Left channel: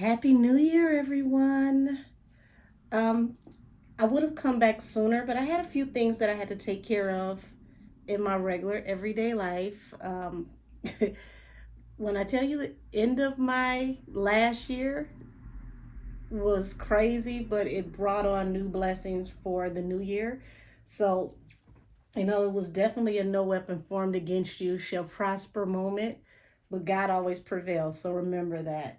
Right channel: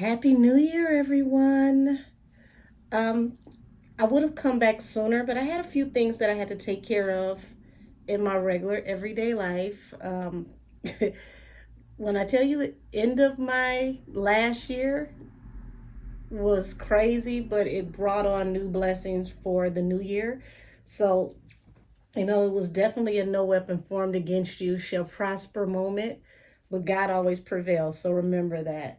Happy New Year, everyone. Um, I would have come back sooner, but I had a few things that I had to take care of in my regular everyday life. When I tell you the end of my last year was crazy, but it brought on new blessings for the new year. So, it was definitely a no weapon formed against you shall prosper moment, but God always prevails. So remember that.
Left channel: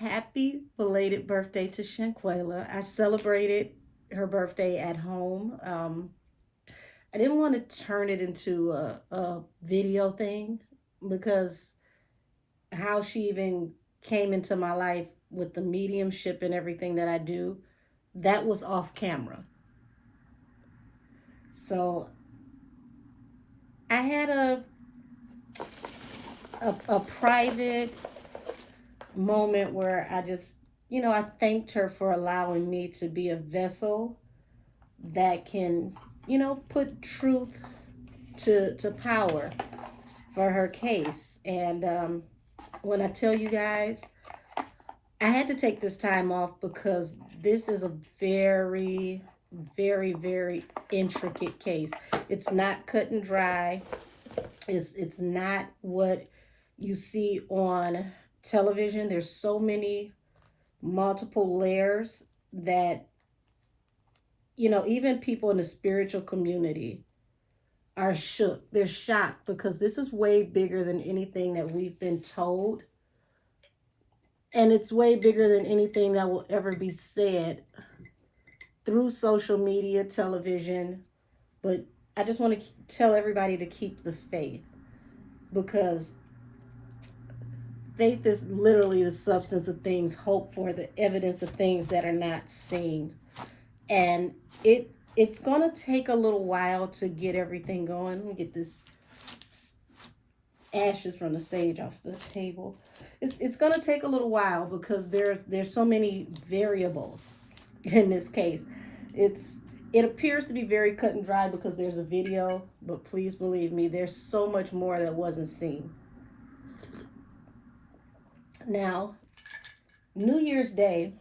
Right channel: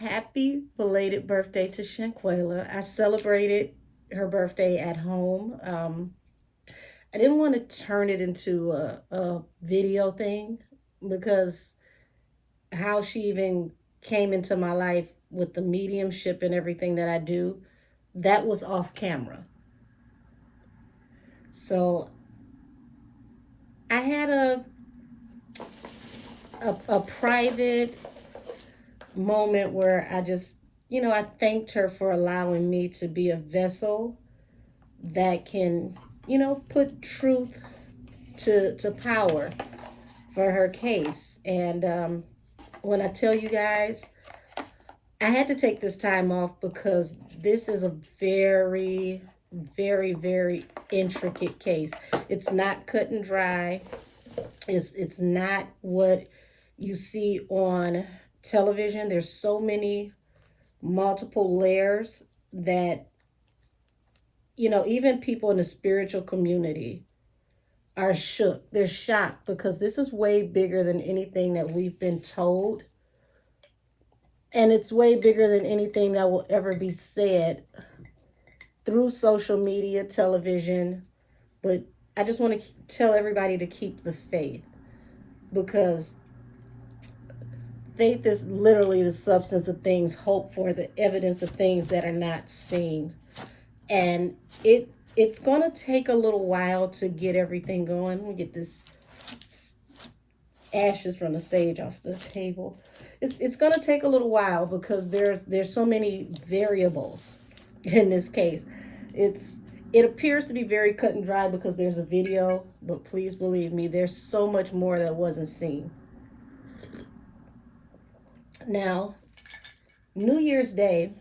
Happy belated birthday to Shanquella. I celebrated her birthday at home. I didn't want to turn it into a video thing because how she even came into my life with the mediumship and everything that I do, that was off camera. So I had a private moment where I just, I thanked her for allowing me to be a vessel that can, put truth to power for her case. And when I tell you guys, I had to take this time off because this is a very, very, very intricate case. It's not cut and dry. It's not what you see on television. There's so many multiple layers that even people in the spiritual community are shook. They're shocked because this is way bigger than anything that we've been told. And it's way bigger than anything that will ever be said through social media, television. But I just want to tell everybody to keep the faith because faith is literally the substance of things hoped for, the evidence of things that are not seen. And it's going to take a little while to get everything going. Let me get this ashes from the sage off the table. It's going to take a little while because there's so many variables in this case. It appears to be very cut and dry because there's a video, but please believe me, there's so much more that wasn't seen. Now, New Year's Day,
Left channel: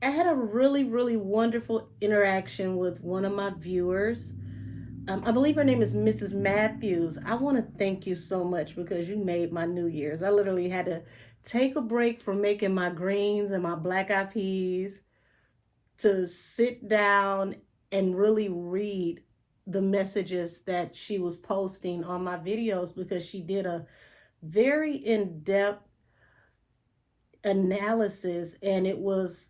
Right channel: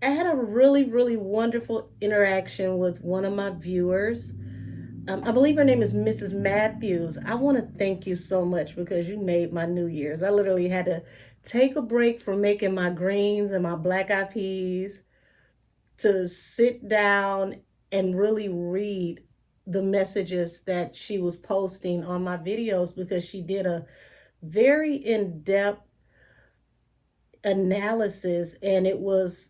I had a really, really wonderful interaction with one of my viewers. I believe her name is Mrs. Matthews. I want to thank you so much because you made my New Year's. I literally had to take a break from making my greens and my black eyed peas to sit down and really read the messages that she was posting on my videos because she did a very in-depth analysis and it was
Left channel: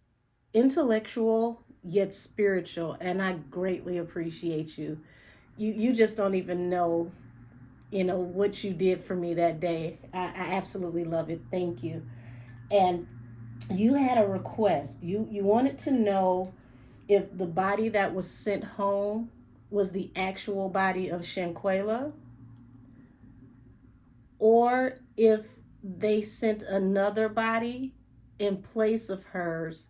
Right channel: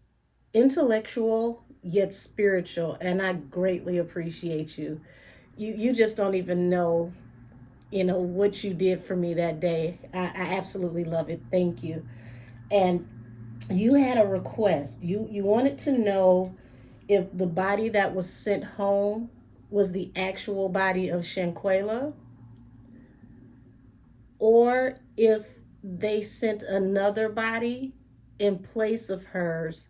intellectual yet spiritual, and I greatly appreciate you. You just don't even know what you did for me that day. I absolutely love it. Thank you. And you had a request. You wanted to know if the body that was sent home was the actual body of Shanquella or if they sent another body in place of hers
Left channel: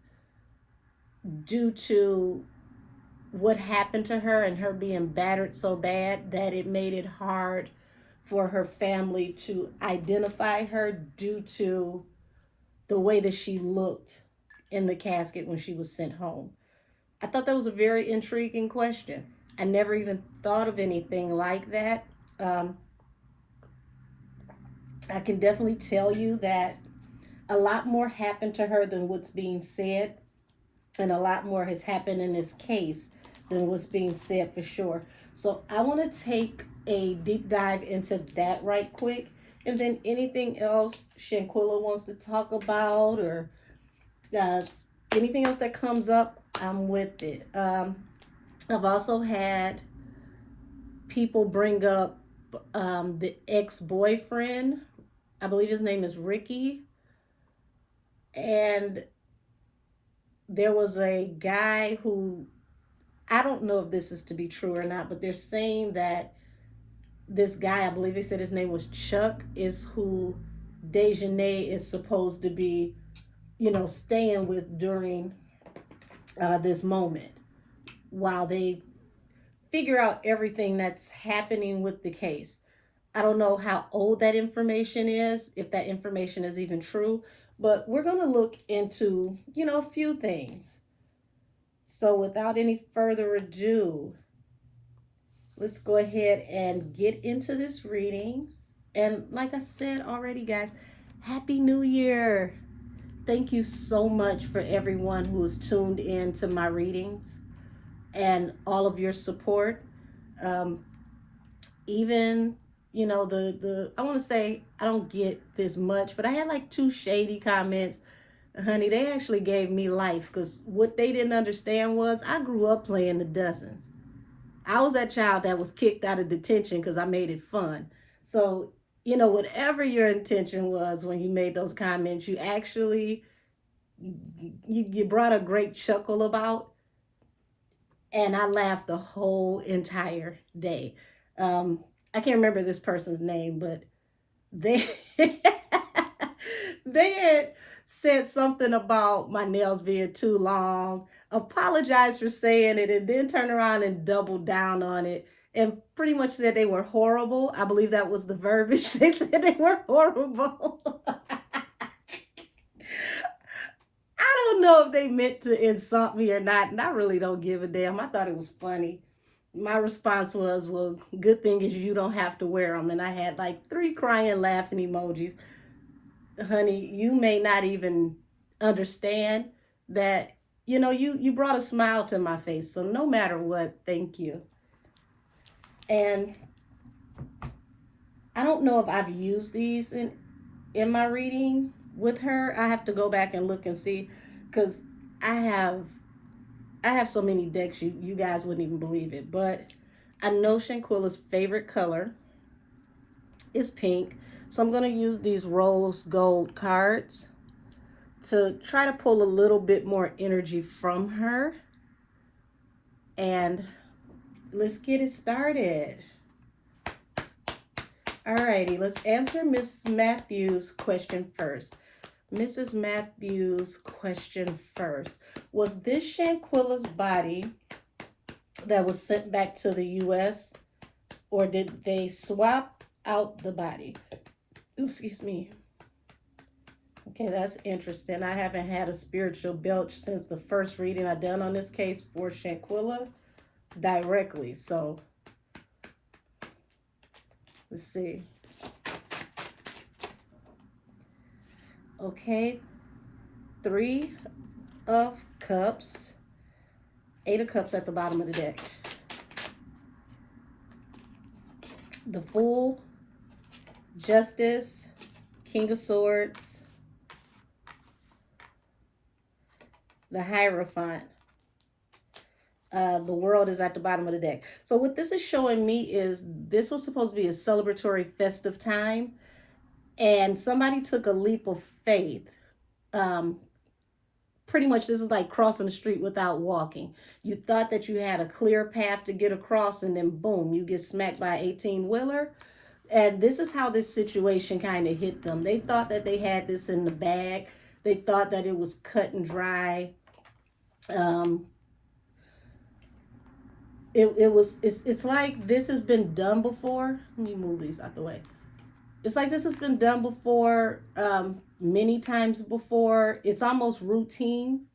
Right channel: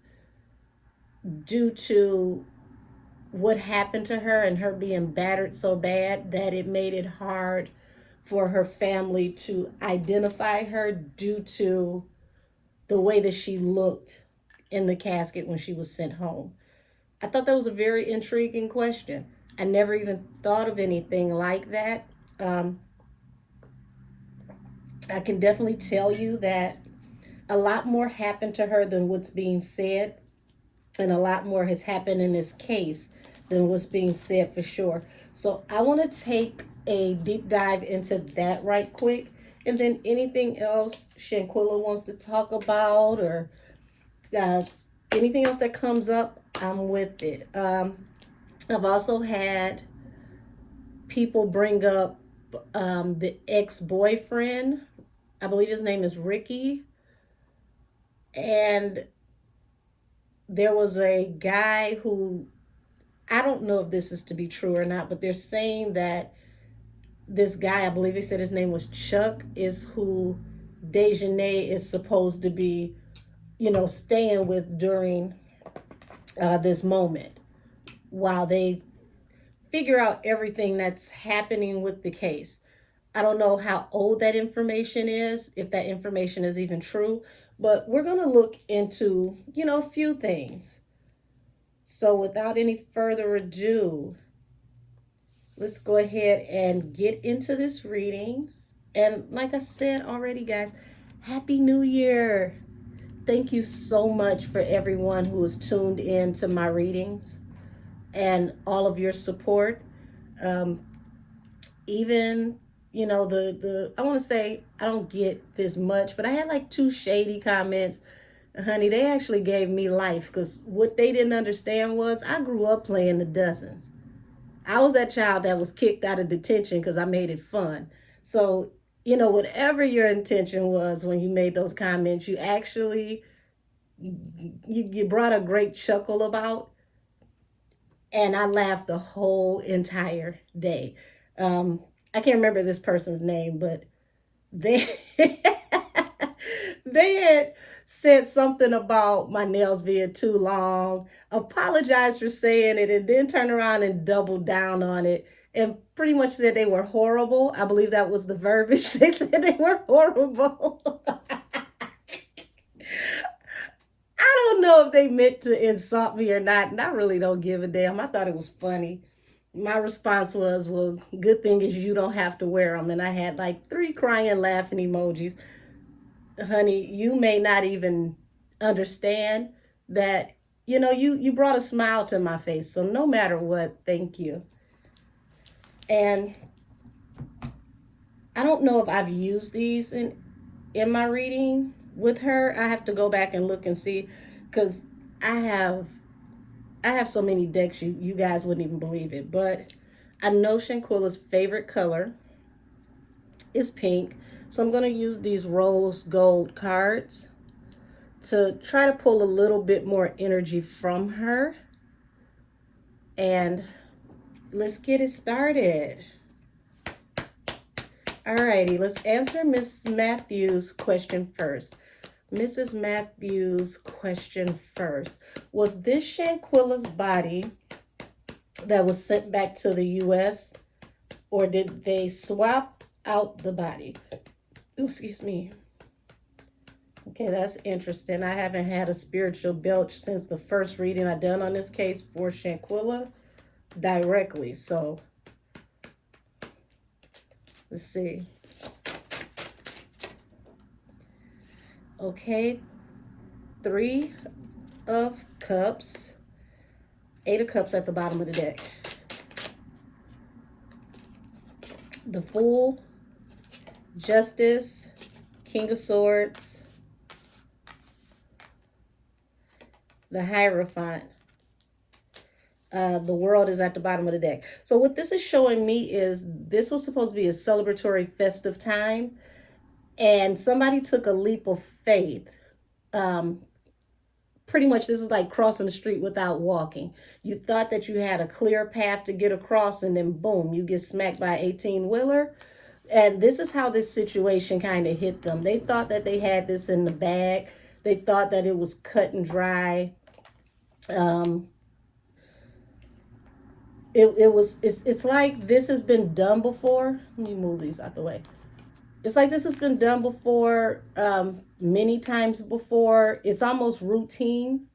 due to what happened to her and her being battered so bad that it made it hard for her family to identify her due to the way that she looked in the casket when she was sent home. I thought that was a very intriguing question. I never even thought of anything like that. I can definitely tell you that a lot more happened to her than what's being said, and a lot more has happened in this case than what's being said for sure. So I want to take a deep dive into that right quick. And then anything else Shanquella wants to talk about or uh, anything else that comes up, I'm with it. I've also had people bring up the ex-boyfriend. I believe his name is Ricky. And there was a guy who, I don't know if this is to be true or not, but they're saying that this guy, I believe they said his name was Chuck, is who Dejanay is supposed to be, staying with during this moment while they figure out everything that's happening with the case. I don't know how old that information is, if that information is even true, but we're going to look into, a few things. So without any further ado, let's go ahead and get into this reading. And like I said already, guys, Happy New Year. Thank you so much for everyone who has tuned in to my readings and all of your support. Um, even the I want to say I don't get this much, but I had like 2 shady comments. Honey, they actually gave me life, because what they didn't understand was I grew up playing the dozens. I was that child that was kicked out of detention because I made it fun. So, whatever your intention was when you made those comments, you actually you brought a great chuckle about, and I laughed the whole entire day. I can't remember this person's name, but they they had said something about my nails being too long, apologized for saying it, and then turned around and doubled down on it and pretty much said they were horrible. I believe that was the verbiage. They said they were horrible. I don't know if they meant to insult me or not, and I really don't give a damn. I thought it was funny. My response was, well, good thing is you don't have to wear them. And I had like 3 crying, laughing emojis. Honey, you may not even understand that, you brought a smile to my face. So no matter what, thank you. And I don't know if I've used these in my reading with her. I have to go back and look and see, because I have so many decks, you guys wouldn't even believe it. But I know Shanquella's favorite color is pink. So I'm going to use these rose gold cards to try to pull a little bit more energy from her. And let's get it started. Alrighty, let's answer Miss Matthews' question first. Mrs. Matthews' question first. Was this Shanquella's body that was sent back to the U.S., or did they swap out the body? Ooh, excuse me. Okay, that's interesting. I haven't had a spiritual belch since the first reading I done on this case for Shanquella directly. So let's see. Okay, 3 of Cups, 8 of Cups at the bottom of the deck. The Fool, Justice, King of Swords, the Hierophant. The World is at the bottom of the deck. So what this is showing me is this was supposed to be a celebratory, festive time, and somebody took a leap of faith. Pretty much this is like crossing the street without walking. You thought that you had a clear path to get across, and then boom, you get smacked by an 18-wheeler. And this is how this situation kind of hit them. They thought that they had this in the bag. They thought that it was cut and dry. It's like this has been done before. Let me move these out the way. It's like this has been done before, many times before. It's almost routine.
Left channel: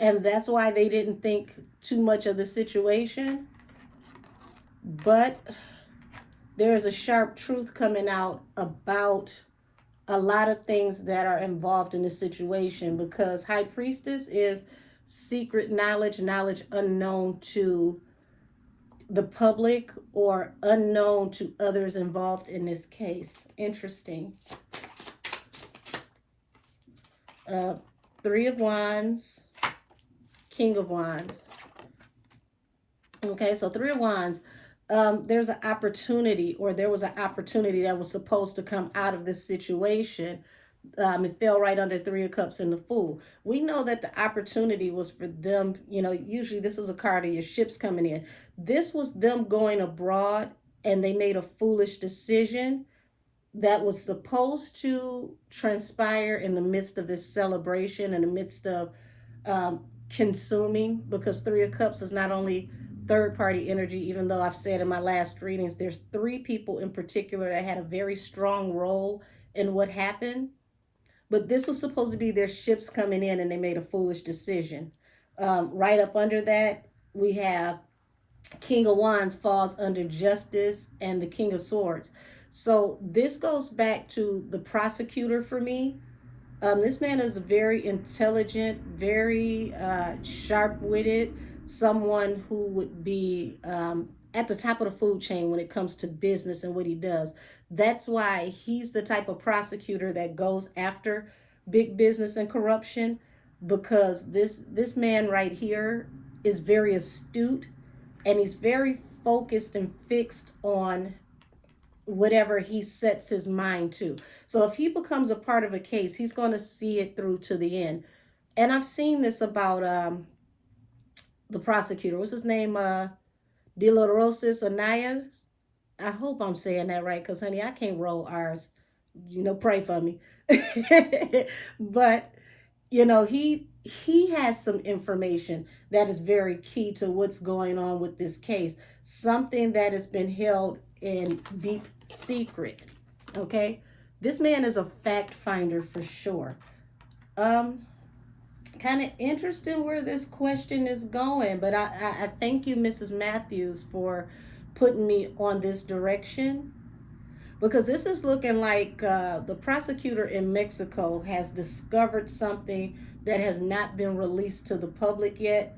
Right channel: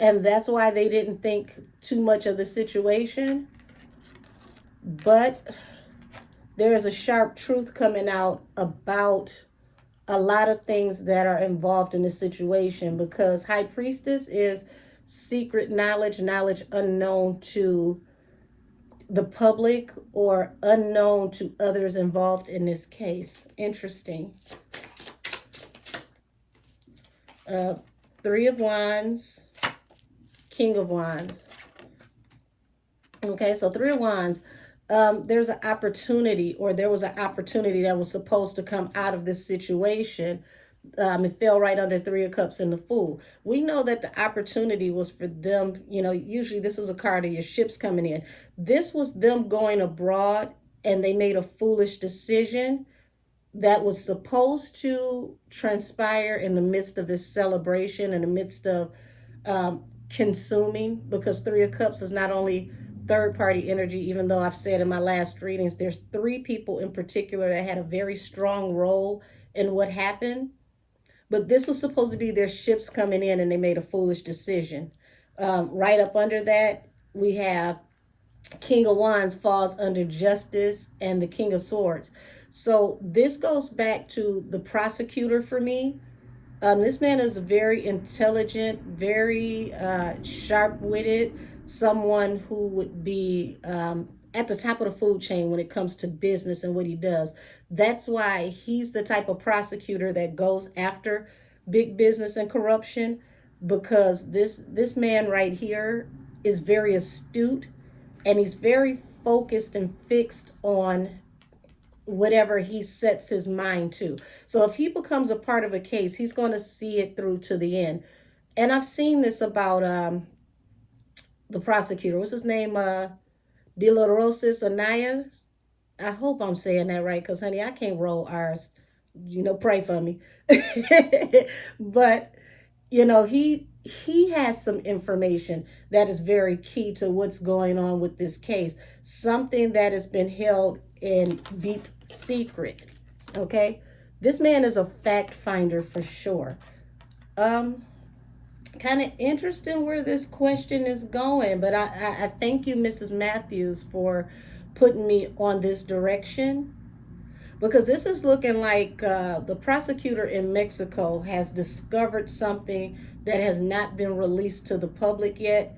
And that's why they didn't think too much of the situation. But there is a sharp truth coming out about a lot of things that are involved in this situation, because High Priestess is secret knowledge, knowledge unknown to the public or unknown to others involved in this case. Interesting. 3 of Wands, King of Wands. Okay, so 3 of Wands. There's an opportunity, or there was an opportunity that was supposed to come out of this situation. It fell right under 3 of Cups and the Fool. We know that the opportunity was for them, usually this is a card of your ships coming in. This was them going abroad, and they made a foolish decision that was supposed to transpire in the midst of this celebration, in the midst of consuming, because 3 of Cups is not only third party energy, even though I've said in my last readings, there's three people in particular that had a very strong role in what happened. But this was supposed to be their ships coming in and they made a foolish decision. Right up under that, we have King of Wands falls under justice and the King of Swords. So this goes back to the prosecutor for me. This man is very intelligent, very sharp-witted, someone who would be at the top of the food chain when it comes to business and what he does. That's why he's the type of prosecutor that goes after big business and corruption, because this man right here is very astute and he's very focused and fixed on whatever he sets his mind to. So if he becomes a part of a case, he's going to see it through to the end. And I've seen this about the prosecutor. What's his name? De La Rosas Anayas. I hope I'm saying that right, because honey, I can't roll R's. Pray for me. But he has some information that is very key to what's going on with this case. Something that has been held in deep secret. Okay, this man is a fact finder for sure. Kind of interesting where this question is going, but I thank you, Mrs. Matthews, for putting me on this direction, because this is looking like the prosecutor in Mexico has discovered something that has not been released to the public yet,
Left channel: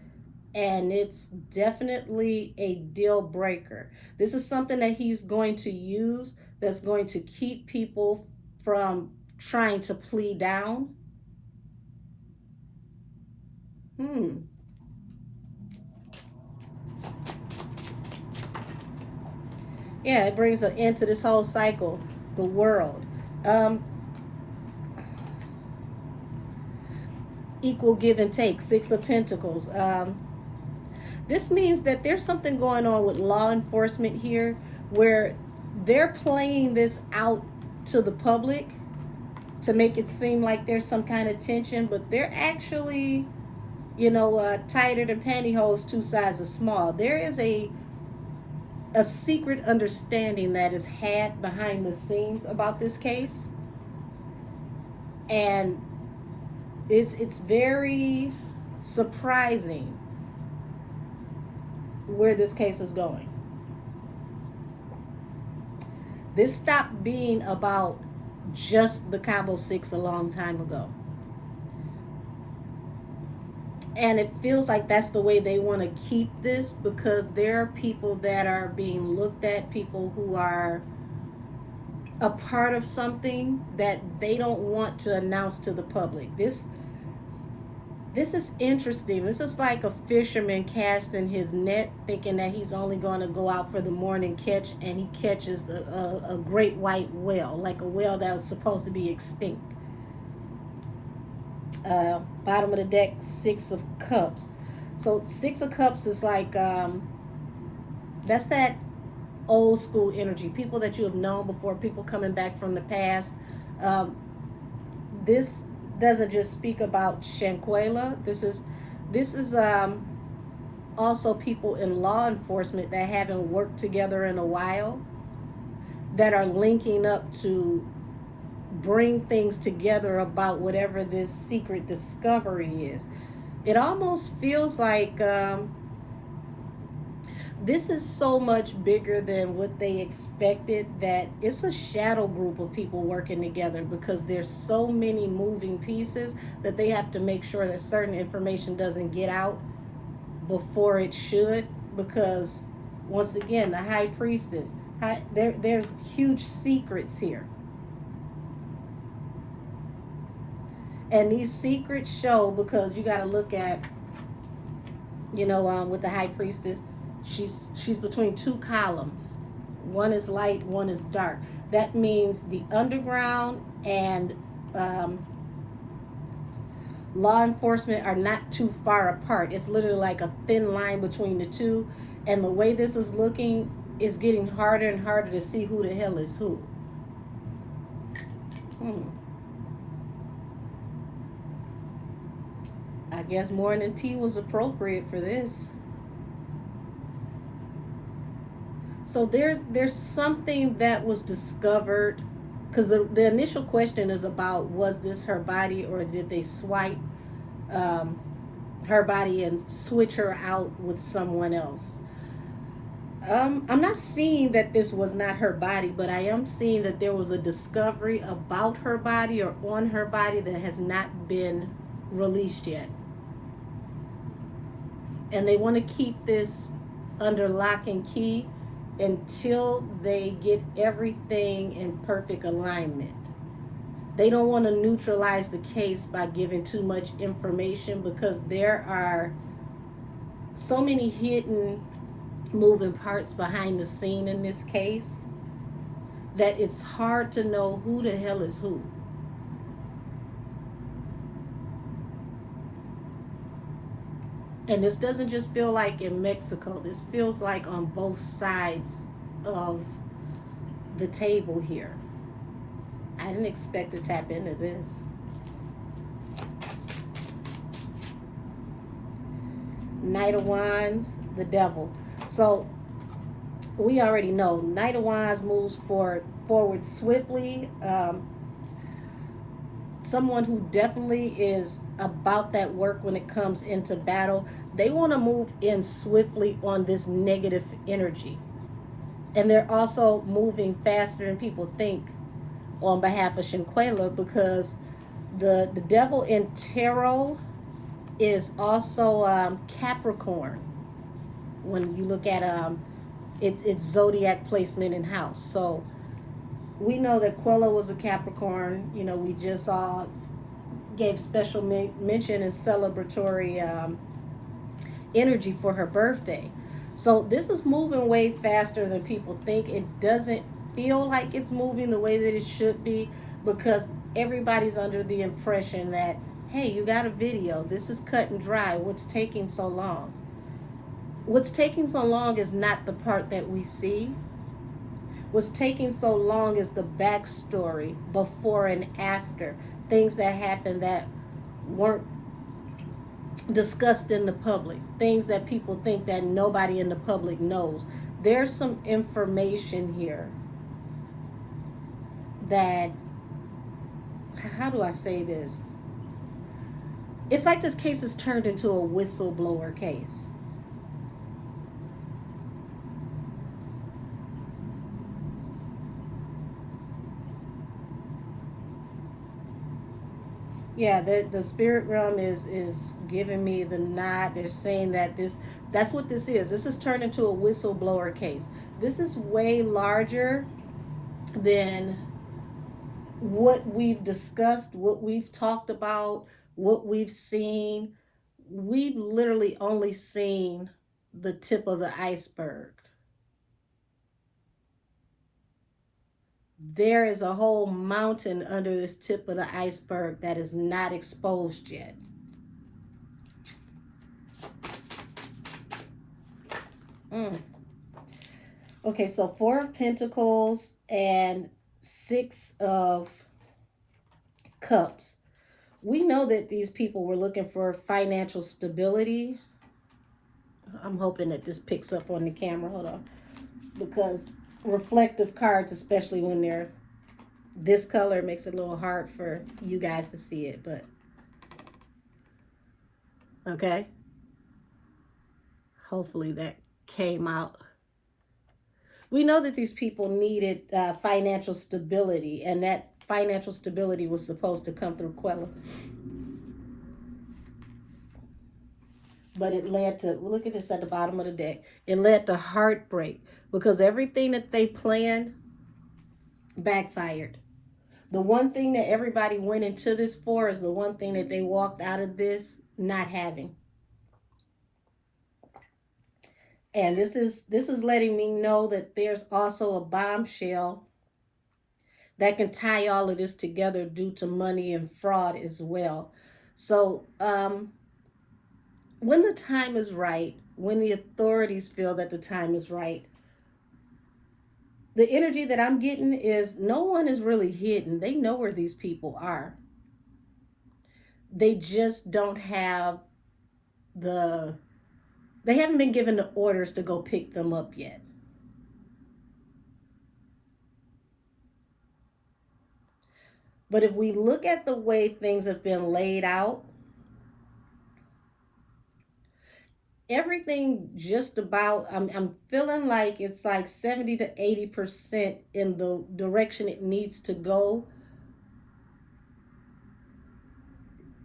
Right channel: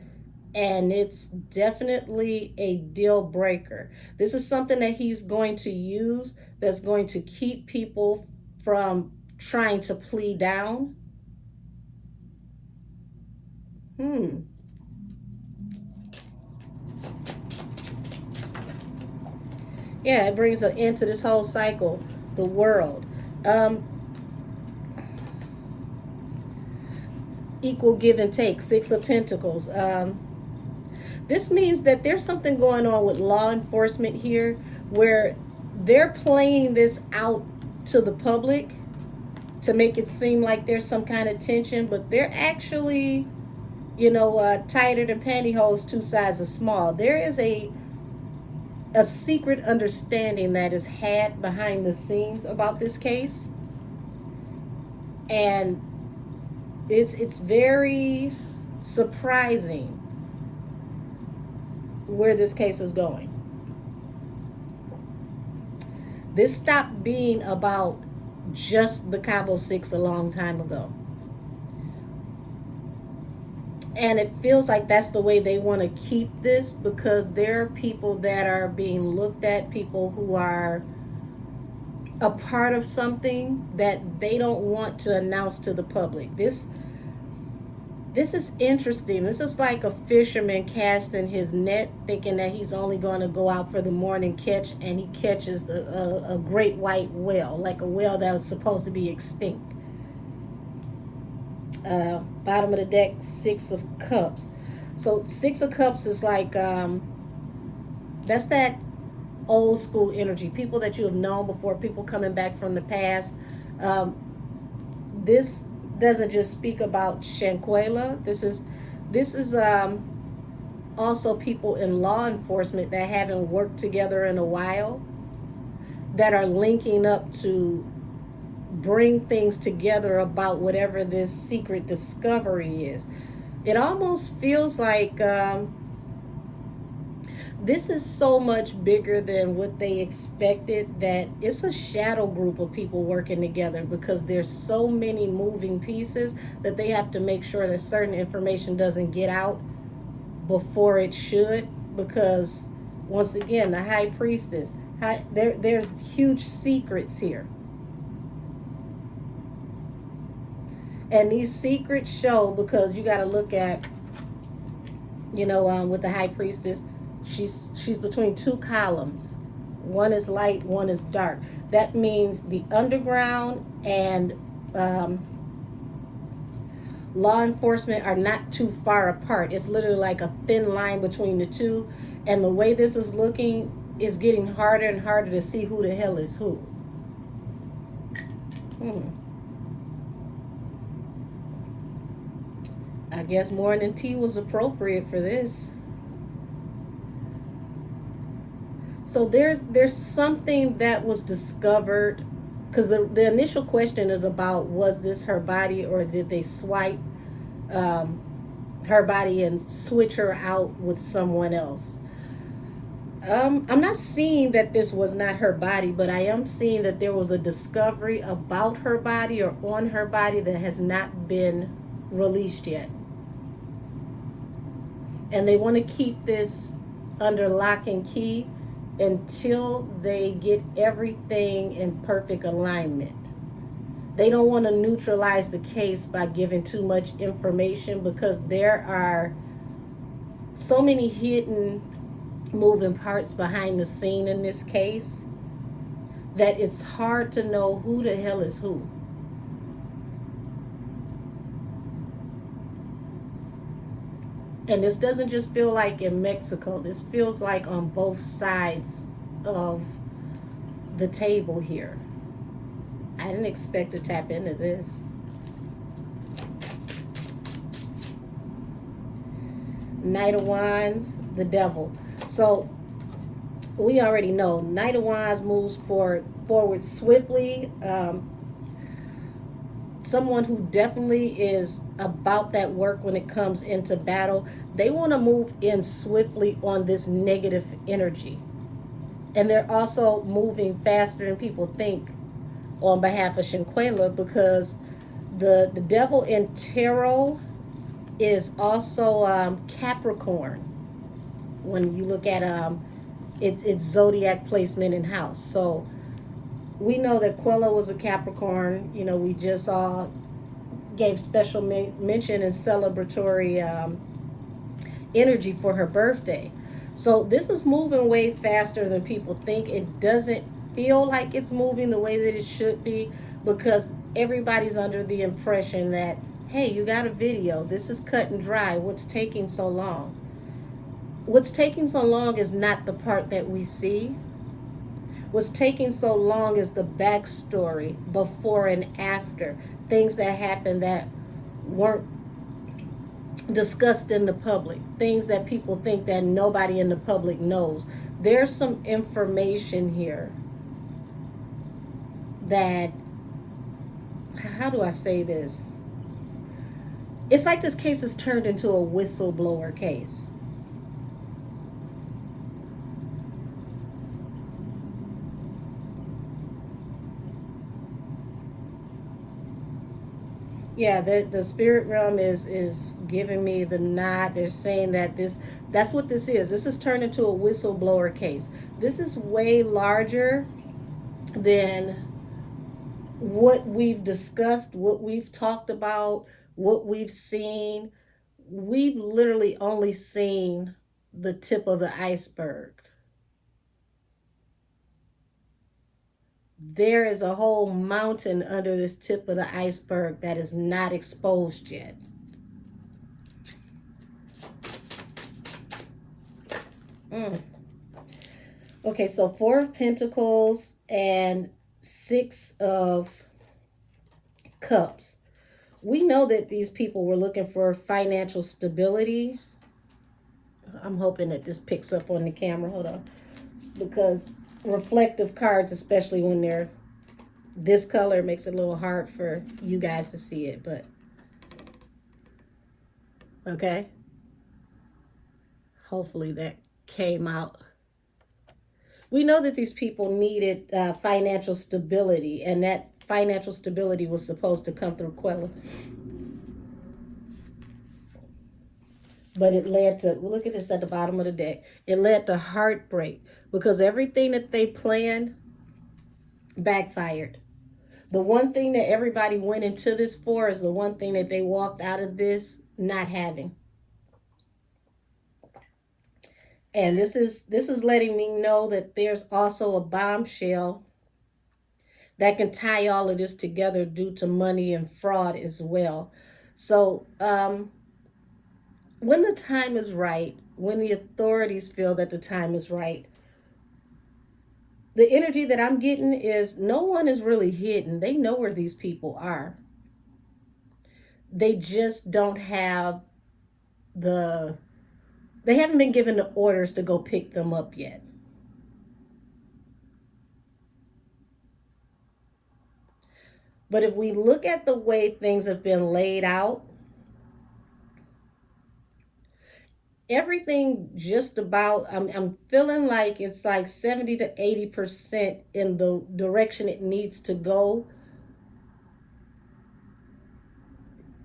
and it's definitely a deal breaker. This is something that he's going to use that's going to keep people from trying to plea down. Yeah, it brings an end to this whole cycle, the world. Equal give and take, Six of Pentacles. This means that there's something going on with law enforcement here where they're playing this out to the public to make it seem like there's some kind of tension, but they're actually, tighter than pantyhose, two sizes small. There is a secret understanding that is had behind the scenes about this case, and it's very surprising where this case is going. This stopped being about just the Cabo Six a long time ago. And it feels like that's the way they want to keep this, because there are people that are being looked at, people who are a part of something that they don't want to announce to the public. This is interesting. This is like a fisherman casting his net, thinking that he's only going to go out for the morning catch, and he catches a great white whale, like a whale that was supposed to be extinct. Bottom of the deck, Six of Cups. So Six of Cups is like, that's that old school energy. People that you have known before, people coming back from the past. This doesn't just speak about SHANQUELLA. This is also people in law enforcement that haven't worked together in a while, that are linking up to bring things together about whatever this secret discovery is. It almost feels like this is so much bigger than what they expected, that it's a shadow group of people working together, because there's so many moving pieces that they have to make sure that certain information doesn't get out before it should, because once again, the High Priestess, there's huge secrets here. And these secrets show, because you got to look at, with the High Priestess, she's between two columns. One is light, one is dark. That means the underground and law enforcement are not too far apart. It's literally like a thin line between the two. And the way this is looking, is getting harder and harder to see who the hell is who. I guess morning tea was appropriate for this. So there's something that was discovered, because the initial question is about, was this her body, or did they swipe um, her body and switch her out with someone else? I'm not seeing that this was not her body, but I am seeing that there was a discovery about her body or on her body that has not been released yet. And they want to keep this under lock and key until they get everything in perfect alignment. They don't want to neutralize the case by giving too much information, because there are so many hidden moving parts behind the scene in this case that it's hard to know who the hell is who. And this doesn't just feel like in Mexico. This feels like on both sides of the table here. I didn't expect to tap into this. Knight of Wands, the Devil. So we already know Knight of Wands moves forward swiftly. Someone who definitely is about that work when it comes into battle. They want to move in swiftly on this negative energy. And they're also moving faster than people think on behalf of Shanquella, because the devil in tarot is also Capricorn when you look at its zodiac placement in house. So we know that Quella was a Capricorn. You know, we just all gave special mention and celebratory energy for her birthday. So this is moving way faster than people think. It doesn't feel like it's moving the way that it should be, because everybody's under the impression that, hey, you got a video. This is cut and dry. What's taking so long? What's taking so long is not the part that we see. What's taking so long is the backstory, before and after, things that happened that weren't discussed in the public, things that people think that nobody in the public knows. There's some information here that, how do I say this? It's like this case has turned into a whistleblower case. Yeah, the spirit realm is giving me the nod. They're saying that that's what this is. This has turned into a whistleblower case. This is way larger than what we've discussed, what we've talked about, what we've seen. We've literally only seen the tip of the iceberg. There is a whole mountain under this tip of the iceberg that is not exposed yet. Okay, so 4 of Pentacles and 6 of Cups. We know that these people were looking for financial stability. I'm hoping that this picks up on the camera. Hold on. Because reflective cards, especially when they're this color, makes it a little hard for you guys to see it, but okay. Hopefully that came out. We know that these people needed financial stability, and that financial stability was supposed to come through Quella. But it led to, look at this at the bottom of the deck, it led to heartbreak, because everything that they planned backfired. The one thing that everybody went into this for is the one thing that they walked out of this not having. And this is letting me know that there's also a bombshell that can tie all of this together due to money and fraud as well. So when the time is right, when the authorities feel that the time is right, the energy that I'm getting is no one is really hidden. They know where these people are. They just don't have they haven't been given the orders to go pick them up yet. But if we look at the way things have been laid out, everything just about, I'm feeling like it's like 70 to 80% in the direction it needs to go.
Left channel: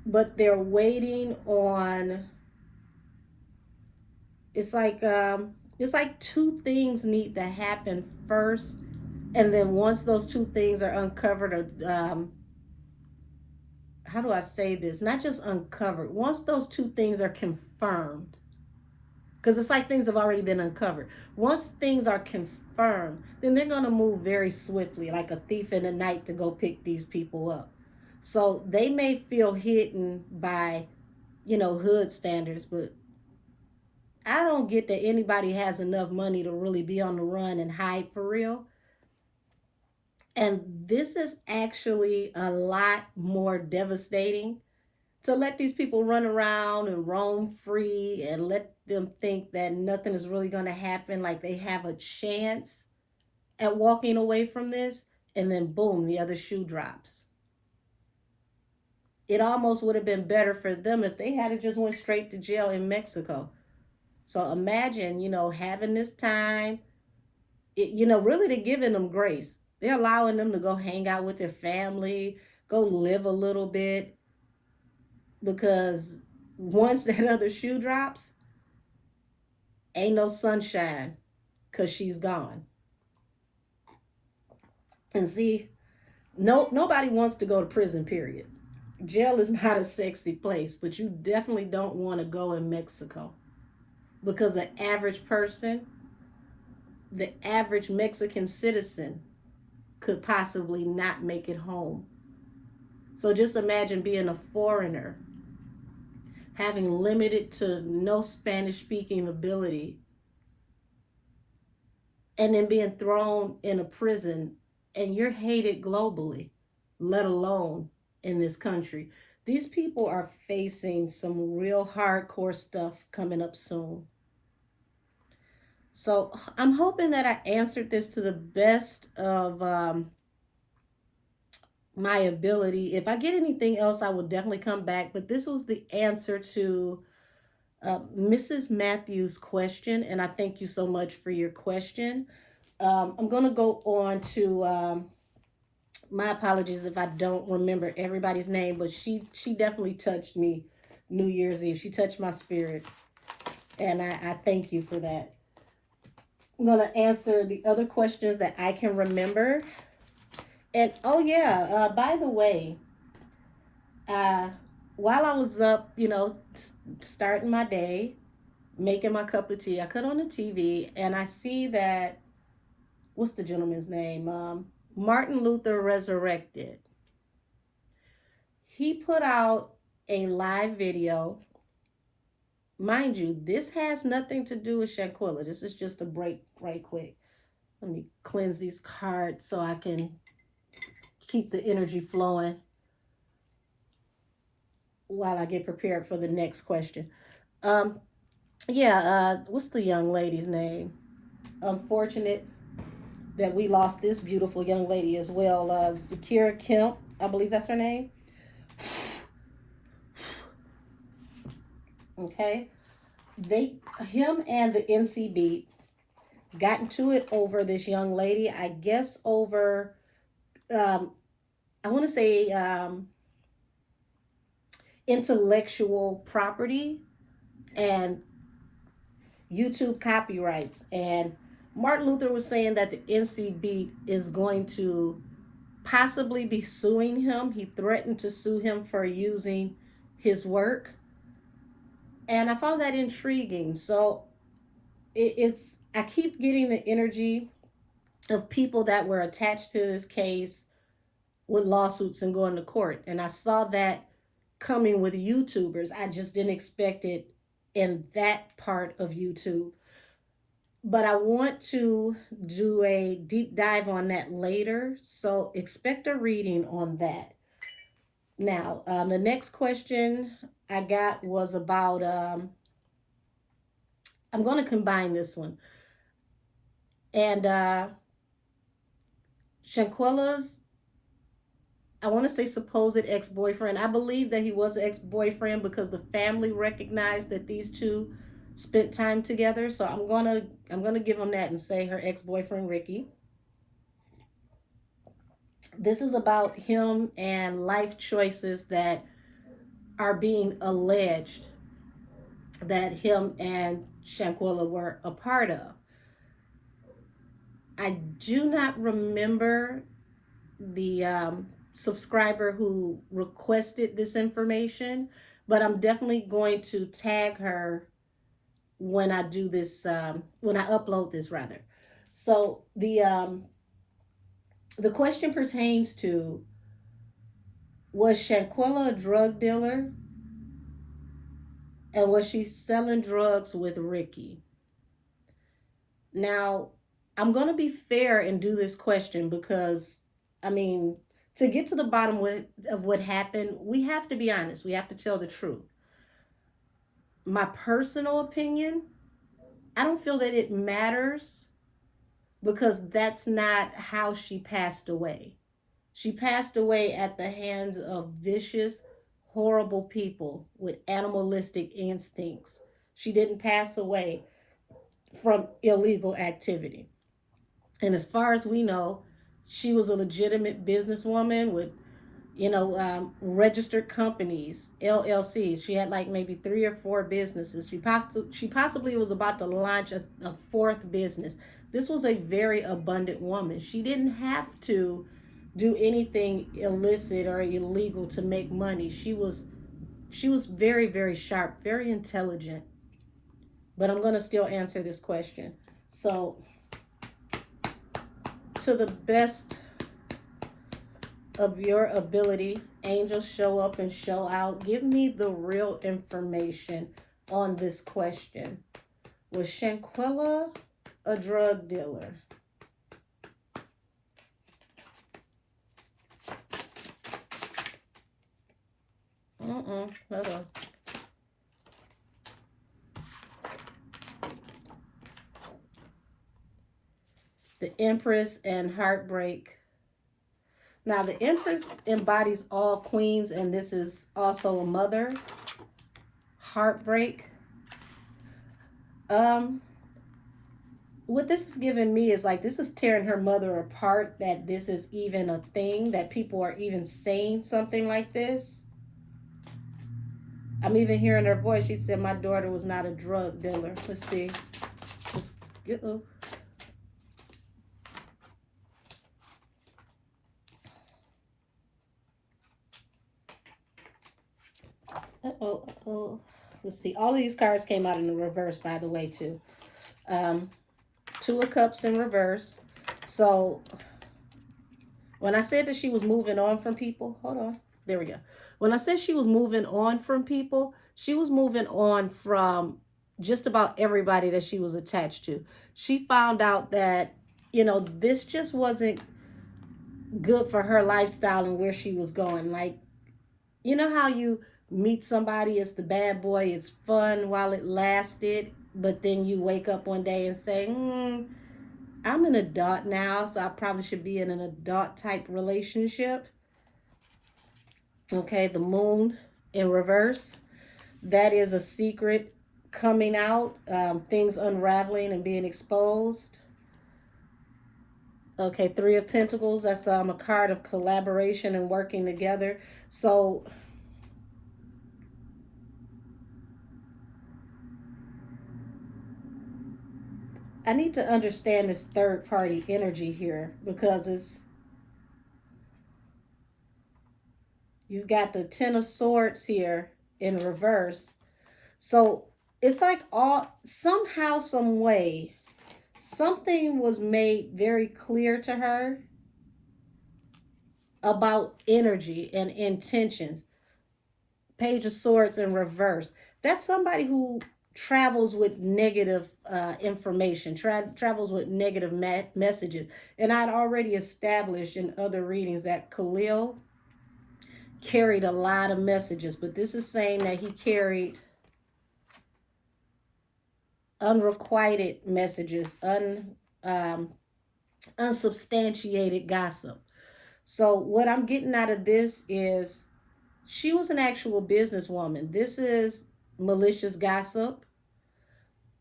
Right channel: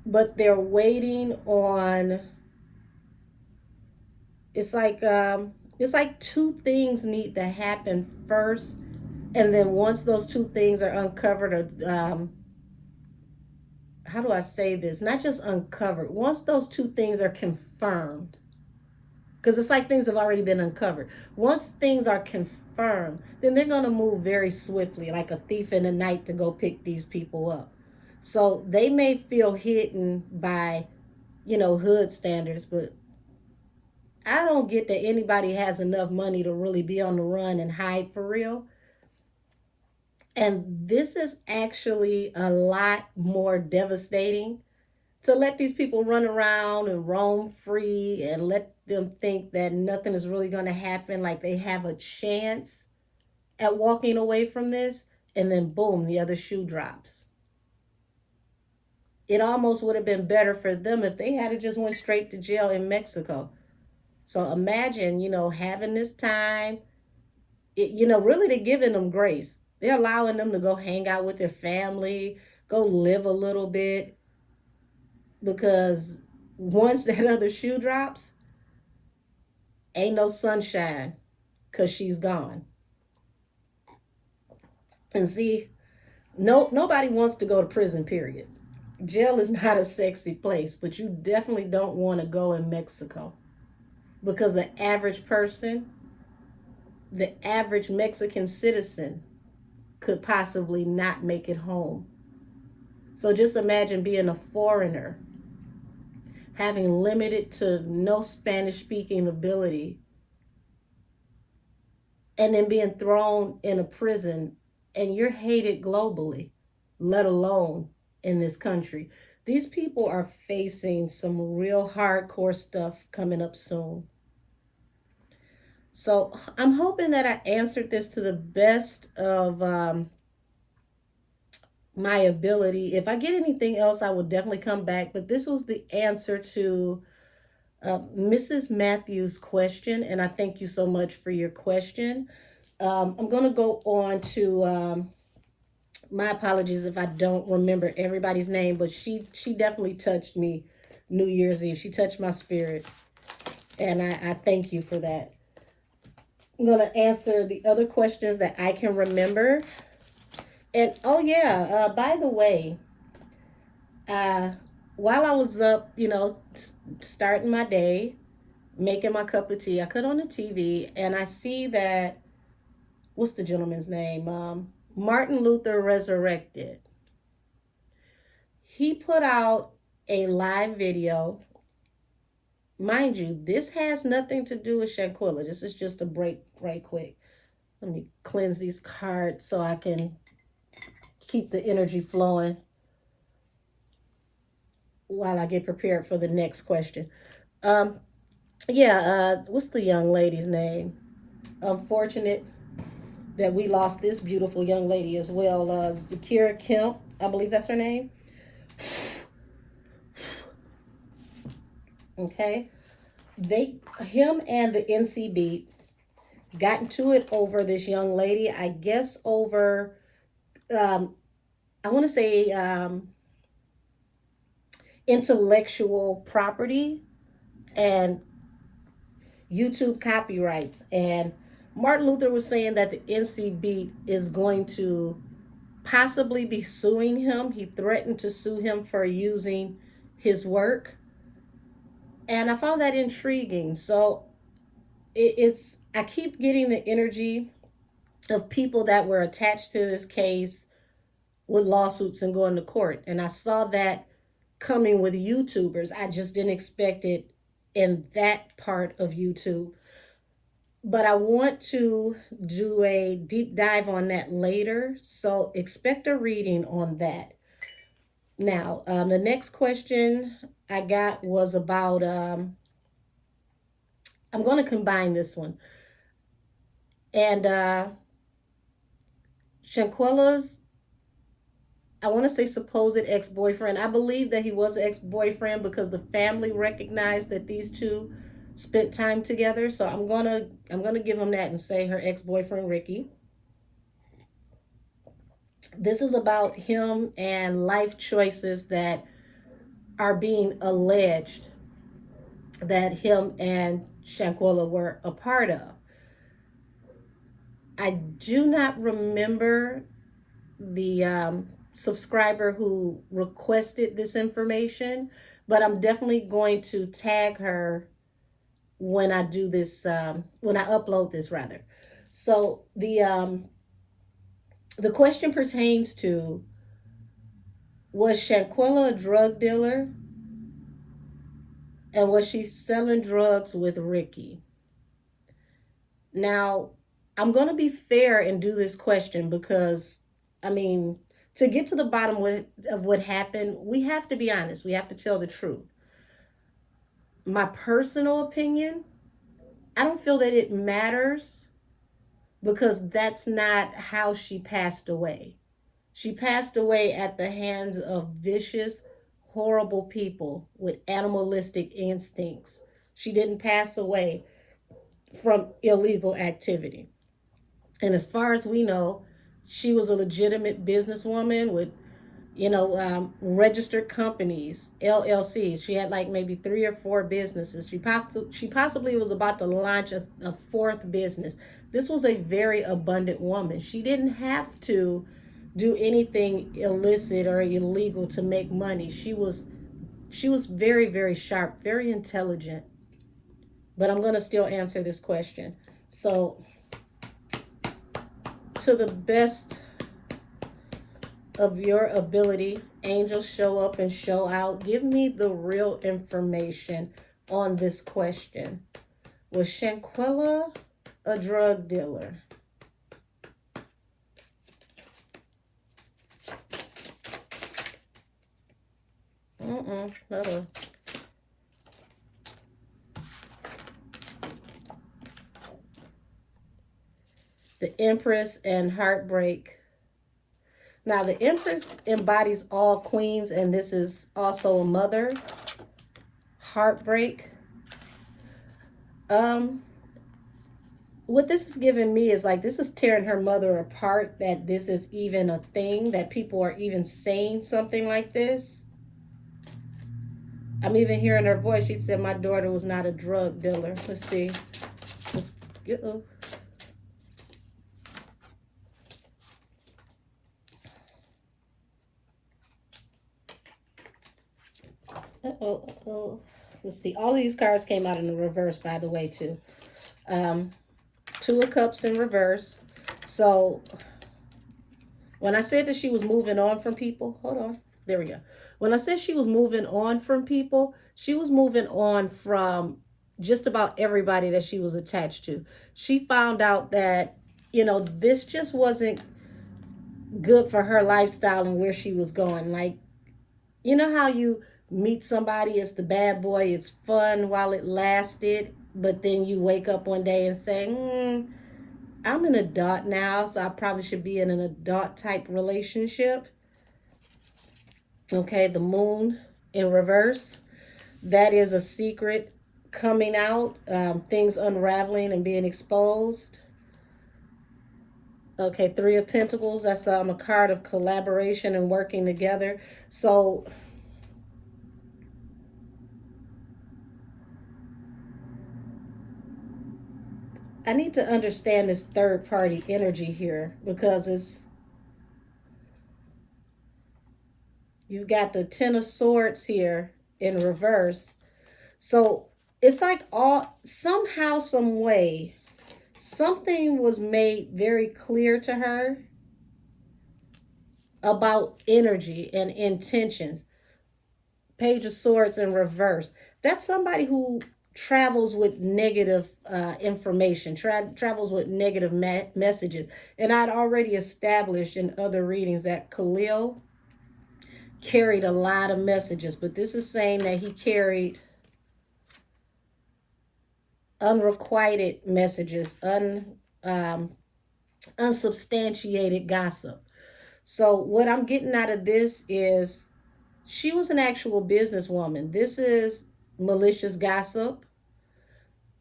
But they're waiting on, it's like two things need to happen first, and then once those two things are uncovered, or how do I say this, not just uncovered, once those two things are confirmed, because it's like things have already been uncovered. Once things are confirmed, then they're going to move very swiftly, like a thief in the night, to go pick these people up. So they may feel hidden by, hood standards, but I don't get that anybody has enough money to really be on the run and hide for real. And this is actually a lot more devastating, to let these people run around and roam free and let them think that nothing is really going to happen, like they have a chance at walking away from this, and then boom, the other shoe drops. It almost would have been better for them if they had just went straight to jail in Mexico. So imagine, having this time, really they're giving them grace. They're allowing them to go hang out with their family, go live a little bit, because once that other shoe drops, ain't no sunshine, because she's gone. And see, nobody wants to go to prison, period. Jail is not a sexy place, but you definitely don't want to go in Mexico, because the average person, the average Mexican citizen, could possibly not make it home. So just imagine being a foreigner, having limited to no Spanish speaking ability, and then being thrown in a prison, and you're hated globally, let alone in this country. These people are facing some real hardcore stuff coming up soon. So I'm hoping that I answered this to the best of my ability. If I get anything else, I will definitely come back. But this was the answer to Mrs. Matthews' question, and I thank you so much for your question. I'm going to go on to, my apologies if I don't remember everybody's name, but she definitely touched me New Year's Eve. She touched my spirit, and I thank you for that. I'm going to answer the other questions that I can remember. And oh yeah, by the way, while I was up, starting my day, making my cup of tea, I cut on the TV and I see that, what's the gentleman's name? Martin Luther Resurrected. He put out a live video. Mind you, this has nothing to do with Shanquella. This is just a break right quick. Let me cleanse these cards so I can keep the energy flowing while I get prepared for the next question. What's the young lady's name? Unfortunate that we lost this beautiful young lady as well. Zakira Kemp, I believe that's her name. Okay. Him and the NCB got into it over this young lady, I guess over, I want to say, intellectual property and YouTube copyrights. And Martin Luther was saying that the NCB is going to possibly be suing him. He threatened to sue him for using his work. And I found that intriguing. So I keep getting the energy of people that were attached to this case with lawsuits and going to court. And I saw that coming with YouTubers. I just didn't expect it in that part of YouTube. But I want to do a deep dive on that later. So expect a reading on that. Now, the next question I got was about, I'm going to combine this one. And Shanquella's I want to say supposed ex-boyfriend. I believe that he was an ex-boyfriend because the family recognized that these two spent time together. So I'm gonna give him that and say her ex-boyfriend Ricky. This is about him and life choices that are being alleged that him and Shanquella were a part of. I do not remember the subscriber who requested this information, but I'm definitely going to tag her when I do this, when I upload this rather. So the question pertains to, was Shanquella a drug dealer, and was she selling drugs with Ricky? Now, I'm going to be fair and do this question because, I mean, to get to the bottom of what happened, we have to be honest. We have to tell the truth. My personal opinion, I don't feel that it matters because that's not how she passed away. She passed away at the hands of vicious, horrible people with animalistic instincts. She didn't pass away from illegal activity. And as far as we know, she was a legitimate businesswoman with, registered companies, LLCs. She had like maybe 3 or 4 businesses. She possibly was about to launch a fourth business. This was a very abundant woman. She didn't have to do anything illicit or illegal to make money. She was very, very sharp, very intelligent. But I'm going to still answer this question. So, to the best of your ability, angels, show up and show out. Give me the real information on this question. Was Shanquella a drug dealer? Hold on. The Empress and heartbreak. Now, the Empress embodies all queens, and this is also a mother. Heartbreak. What this is giving me is like, this is tearing her mother apart, that this is even a thing, that people are even saying something like this. I'm even hearing her voice. She said, my daughter was not a drug dealer. Let's see. Let's get, let's see. All of these cards came out in the reverse, by the way, too. 2 of Cups in reverse. So when I said that she was moving on from people, hold on. There we go. When I said she was moving on from people, she was moving on from just about everybody that she was attached to. She found out that, this just wasn't good for her lifestyle and where she was going. Like, you know how you meet somebody, it's the bad boy, it's fun while it lasted, but then you wake up one day and say, I'm an adult now, so I probably should be in an adult type relationship. Okay, the Moon in reverse. That is a secret coming out, things unraveling and being exposed. Okay, 3 of Pentacles. That's a card of collaboration and working together. So I need to understand this third party energy here, because you've got the 10 of Swords here in reverse. So it's like somehow, some way, something was made very clear to her about energy and intentions. Page of Swords in reverse. That's somebody who travels with negative information, travels with negative messages. And I'd already established in other readings that Khalil carried a lot of messages, but this is saying that he carried unrequited messages, unsubstantiated gossip. So what I'm getting out of this is she was an actual businesswoman. This is malicious gossip.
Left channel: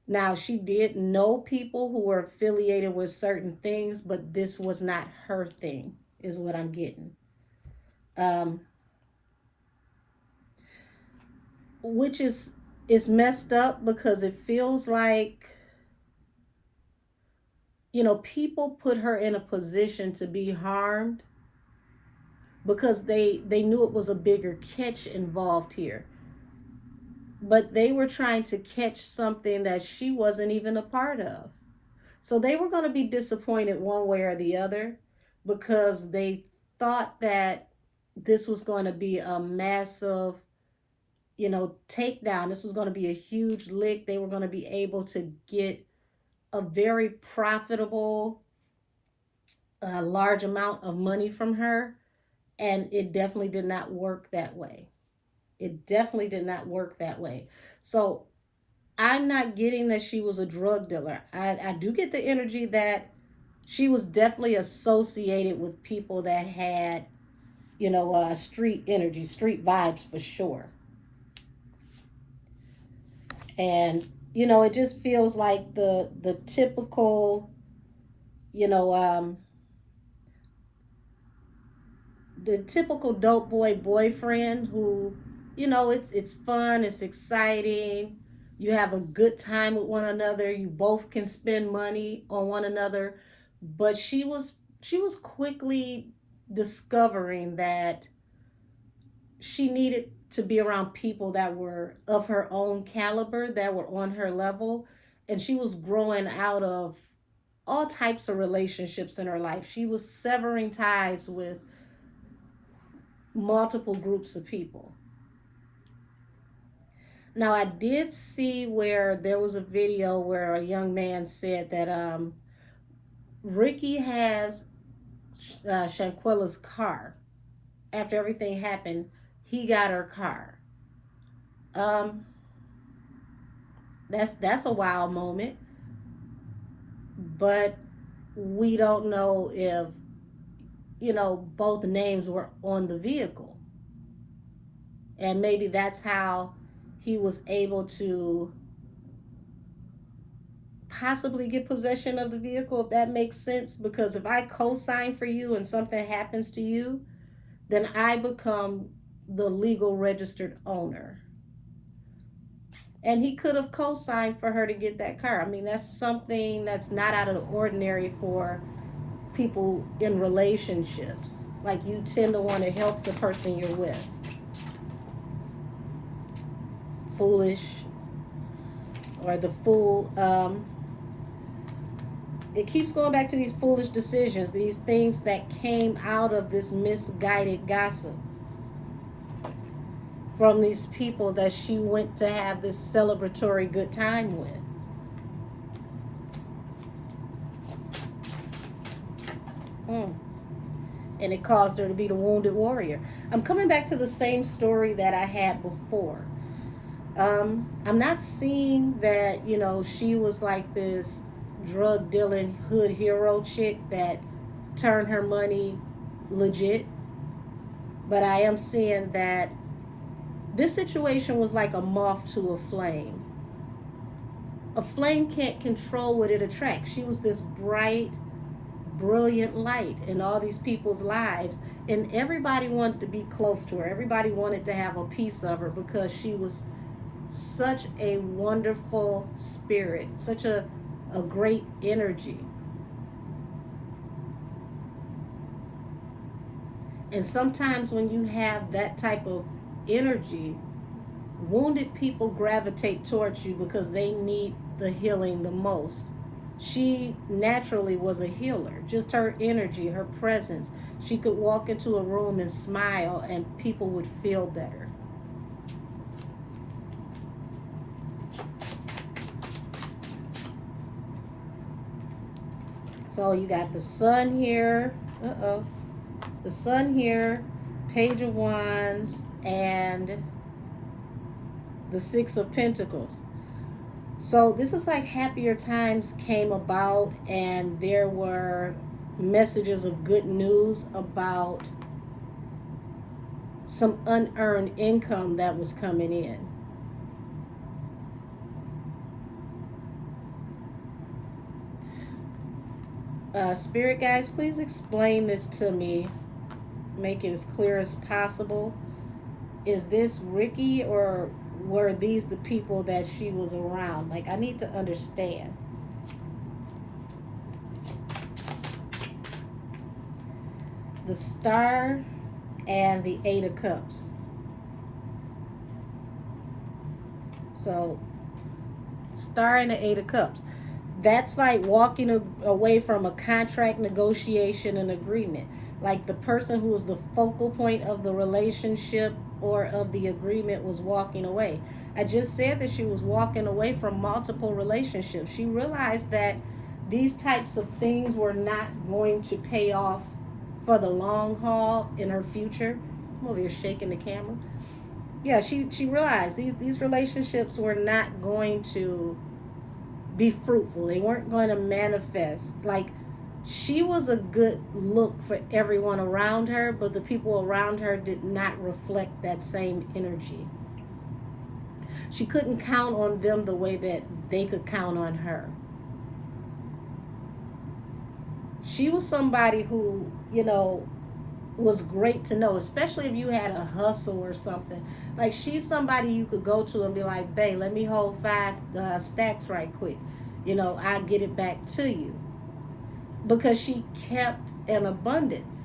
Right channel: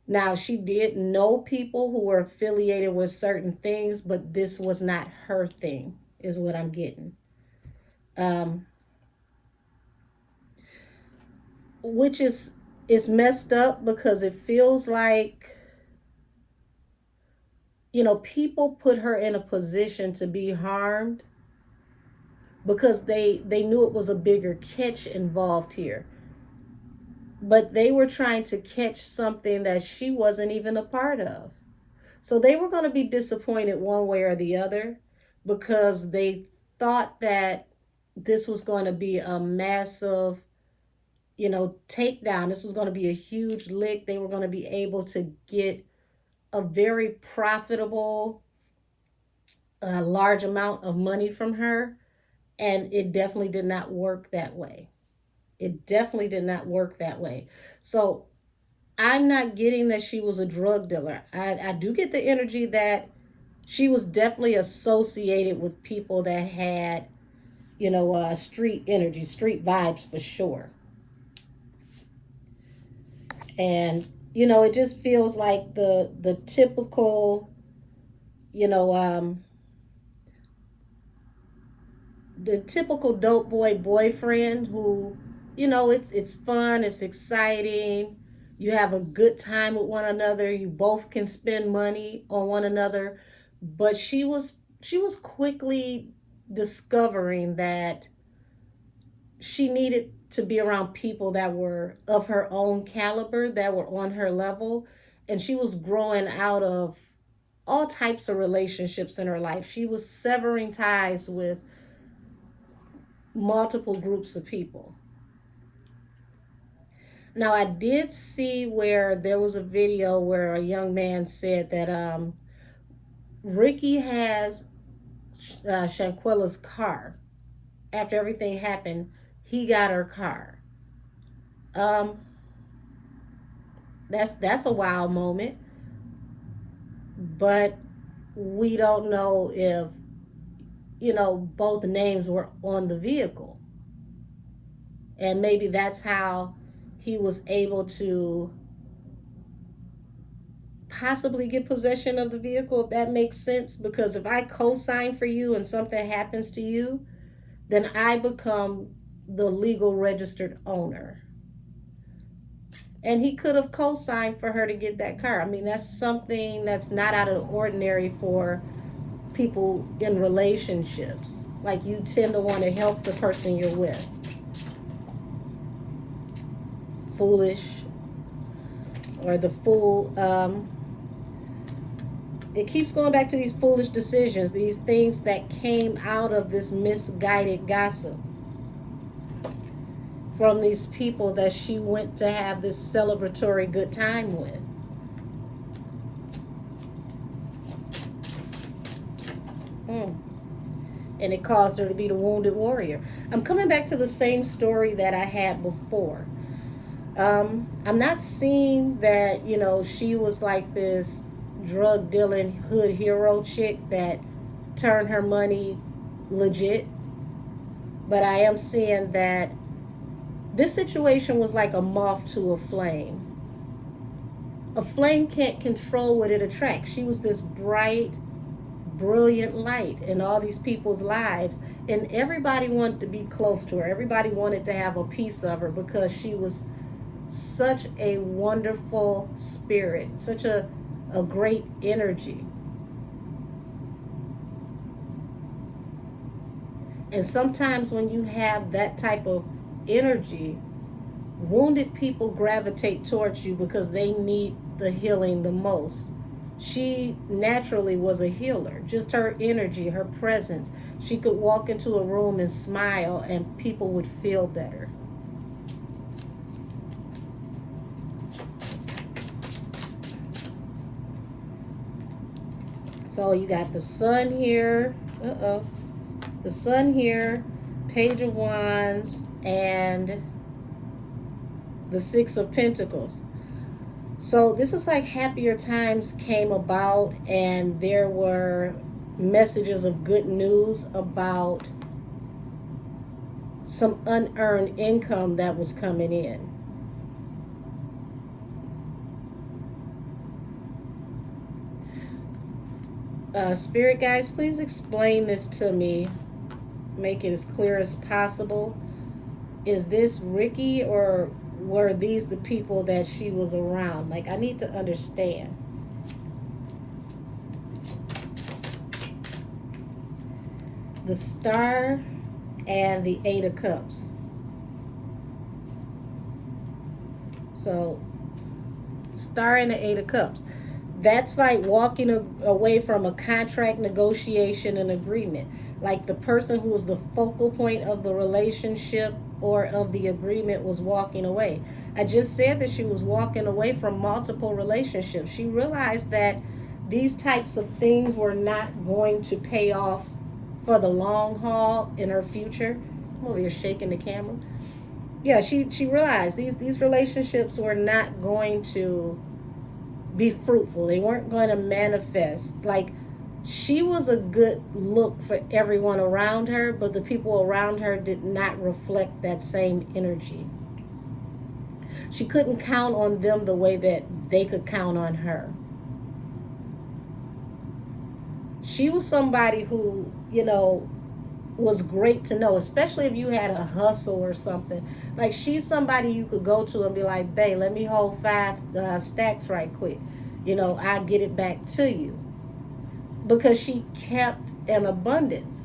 Now, she did know people who were affiliated with certain things, but this was not her thing, is what I'm getting. Um, which is messed up because it feels like, people put her in a position to be harmed because they knew it was a bigger catch involved here. But they were trying to catch something that she wasn't even a part of. So they were going to be disappointed one way or the other because they thought that this was going to be a massive, takedown. This was going to be a huge lick. They were going to be able to get a very profitable, large amount of money from her. And it definitely did not work that way. It definitely did not work that way. So I'm not getting that she was a drug dealer. I do get the energy that she was definitely associated with people that had, street energy, street vibes for sure. And, it just feels like the typical, you know, the typical dope boy boyfriend who, it's fun, it's exciting, you have a good time with one another, you both can spend money on one another. But she was quickly discovering that she needed to be around people that were of her own caliber, that were on her level. And she was growing out of all types of relationships in her life. She was severing ties with multiple groups of people. Now, I did see where there was a video where a young man said that Ricky has Shanquella's car. After everything happened, he got her car. Um, that's a wild moment, but we don't know if both names were on the vehicle, and maybe that's how he was able to possibly get possession of the vehicle, if that makes sense. Because if I co-sign for you and something happens to you, then I become the legal registered owner. And he could have co-signed for her to get that car. I mean, that's something that's not out of the ordinary for people in relationships. Like, you tend to want to help the person you're with. Foolish, or the fool. It keeps going back to these foolish decisions, these things that came out of this misguided gossip from these people that she went to have this celebratory good time with. And it caused her to be the wounded warrior. I'm coming back to the same story that I had before. I'm not seeing that, she was like this drug dealing hood hero chick that turned her money legit. But I am seeing that this situation was like a moth to a flame. A flame can't control what it attracts. She was this bright, brilliant light in all these people's lives, and everybody wanted to be close to her. Everybody wanted to have a piece of her because she was such a wonderful spirit, such a great energy. And sometimes when you have that type of energy, wounded people gravitate towards you because they need the healing the most. She naturally was a healer. Just her energy, her presence. She could walk into a room and smile and people would feel better. So you got the sun here. The sun here, Page of Wands, and the Six of Pentacles. So this is like happier times came about, and there were messages of good news about some unearned income that was coming in. Spirit guys, please explain this to me. Make it as clear as possible. Is this Ricky, or were these the people that she was around? Like, I need to understand. The Star and the Eight of Cups. So, Star and the Eight of Cups. That's like walking away from a contract, negotiation, and agreement. Like the person who was the focal point of the relationship or of the agreement was walking away. I just said that she was walking away from multiple relationships. She realized that these types of things were not going to pay off for the long haul in her future. I'm over here shaking the camera. Yeah, she realized these relationships were not going to be fruitful. They weren't going to manifest. Like, she was a good look for everyone around her, but the people around her did not reflect that same energy. She couldn't count on them the way that they could count on her. She was somebody who, was great to know, especially if you had a hustle or something. Like, she's somebody you could go to and be like, babe, let me hold 5 stacks right quick. I'll get it back to you. Because she kept an abundance.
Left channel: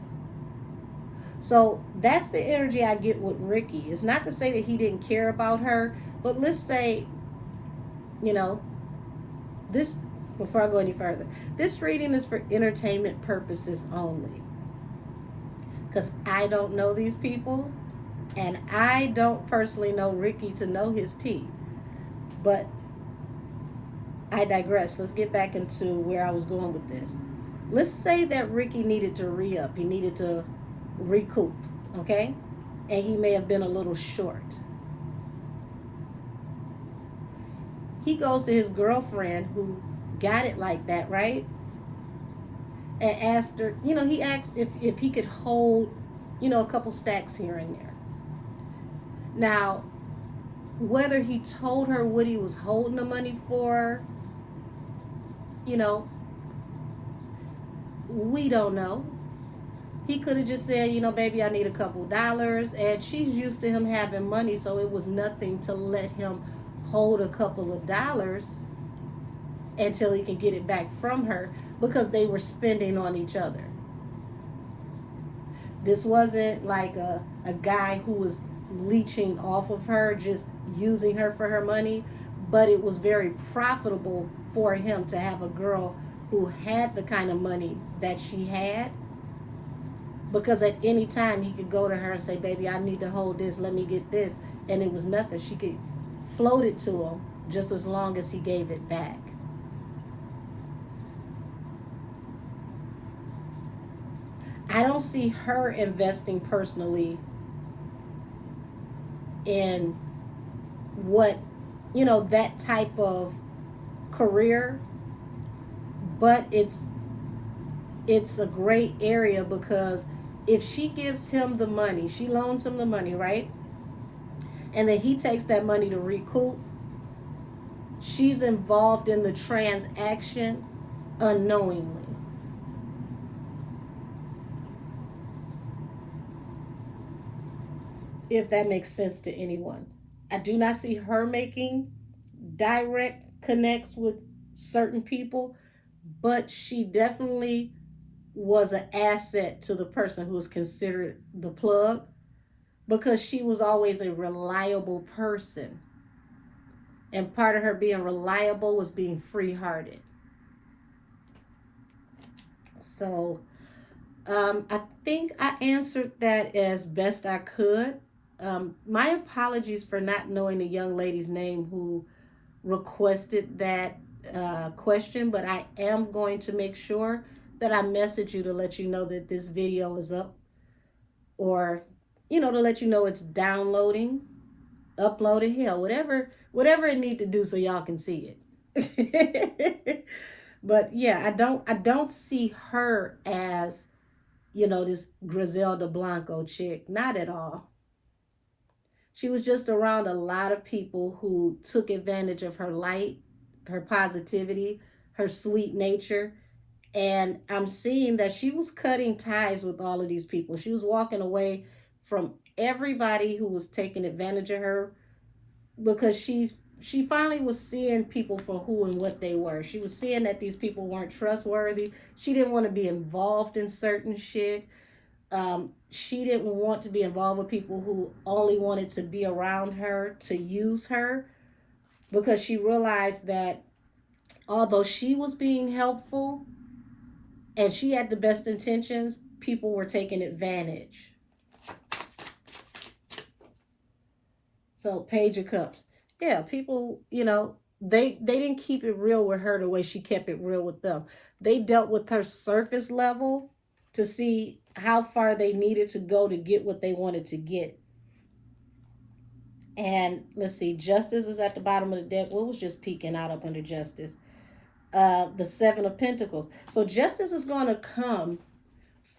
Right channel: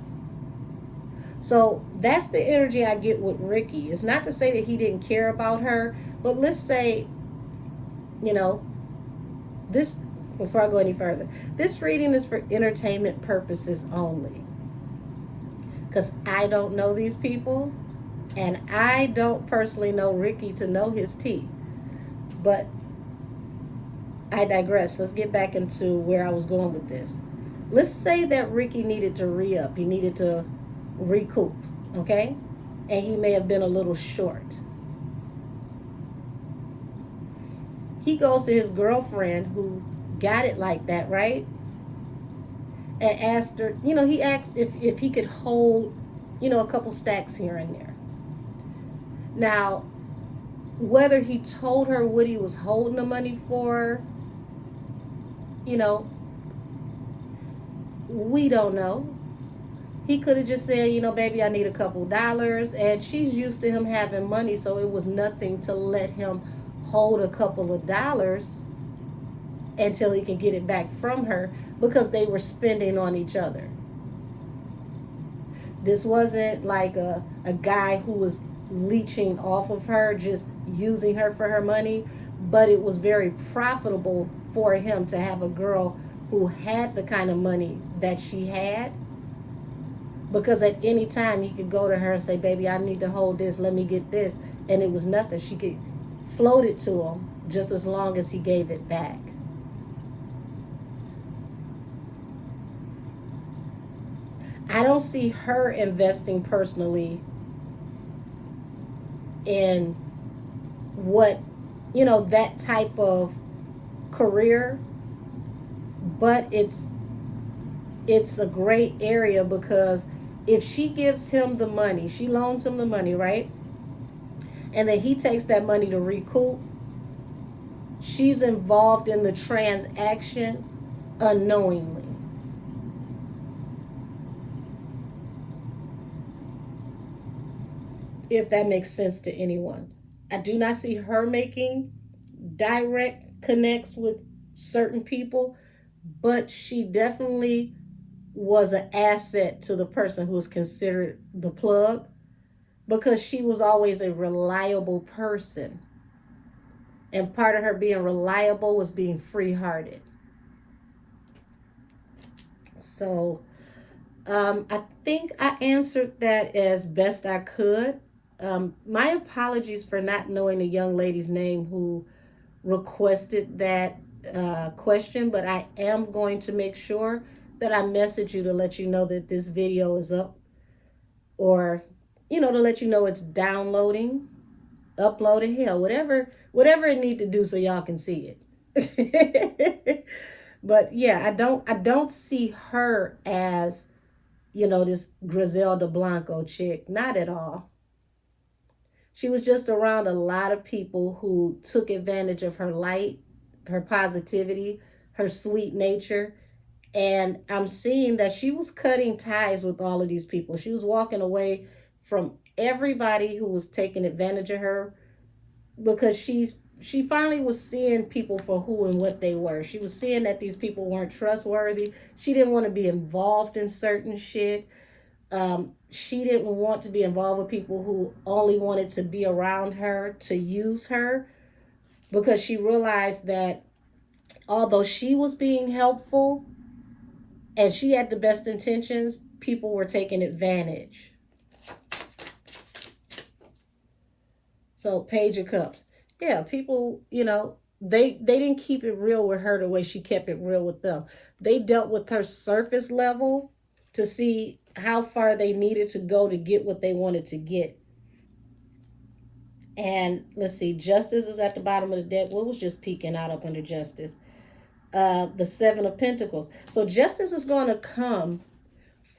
So that's the energy I get with Ricky. It's not to say that he didn't care about her, but let's say, this, before I go any further, this reading is for entertainment purposes only. Because I don't know these people, and I don't personally know Ricky to know his tea. But I digress. Let's get back into where I was going with this. Let's say that Ricky needed to re-up. He needed to recoup, okay? And he may have been a little short. He goes to his girlfriend who got it like that, right? And asked her, he asked if he could hold, a couple stacks here and there. Now, whether he told her what he was holding the money for, we don't know. He could have just said, baby, I need a couple dollars. And she's used to him having money, so it was nothing to let him hold a couple of dollars until he could get it back from her, because they were spending on each other. This wasn't like a guy who was leeching off of her, just using her for her money, but it was very profitable for him to have a girl who had the kind of money that she had, because at any time he could go to her and say, baby, I need to hold this, let me get this, and it was nothing. She could float it to him just as long as he gave it back. I don't see her investing personally in what, that type of career, but it's a great area, because if she gives him the money, she loans him the money, right? And then he takes that money to recoup, she's involved in the transaction unknowingly. If that makes sense to anyone. I do not see her making direct connects with certain people, but she definitely was an asset to the person who was considered the plug, because she was always a reliable person. And part of her being reliable was being free-hearted. So I think I answered that as best I could. My apologies for not knowing the young lady's name who requested that question, but I am going to make sure that I message you to let you know that this video is up, or to let you know it's downloading, uploading, hell, whatever it needs to do so y'all can see it. But yeah, I don't see her as, this Griselda Blanco chick. Not at all. She was just around a lot of people who took advantage of her light, her positivity, her sweet nature. And I'm seeing that she was cutting ties with all of these people. She was walking away from everybody who was taking advantage of her, because she finally was seeing people for who and what they were. She was seeing that these people weren't trustworthy. She didn't want to be involved in certain shit. She didn't want to be involved with people who only wanted to be around her to use her, because she realized that although she was being helpful and she had the best intentions, people were taking advantage. So Page of Cups. Yeah, people, they didn't keep it real with her the way she kept it real with them. They dealt with her surface level to see how far they needed to go to get what they wanted to get. And let's see, Justice is at the bottom of the deck. What was just peeking out up under Justice? The Seven of Pentacles. So Justice is going to come.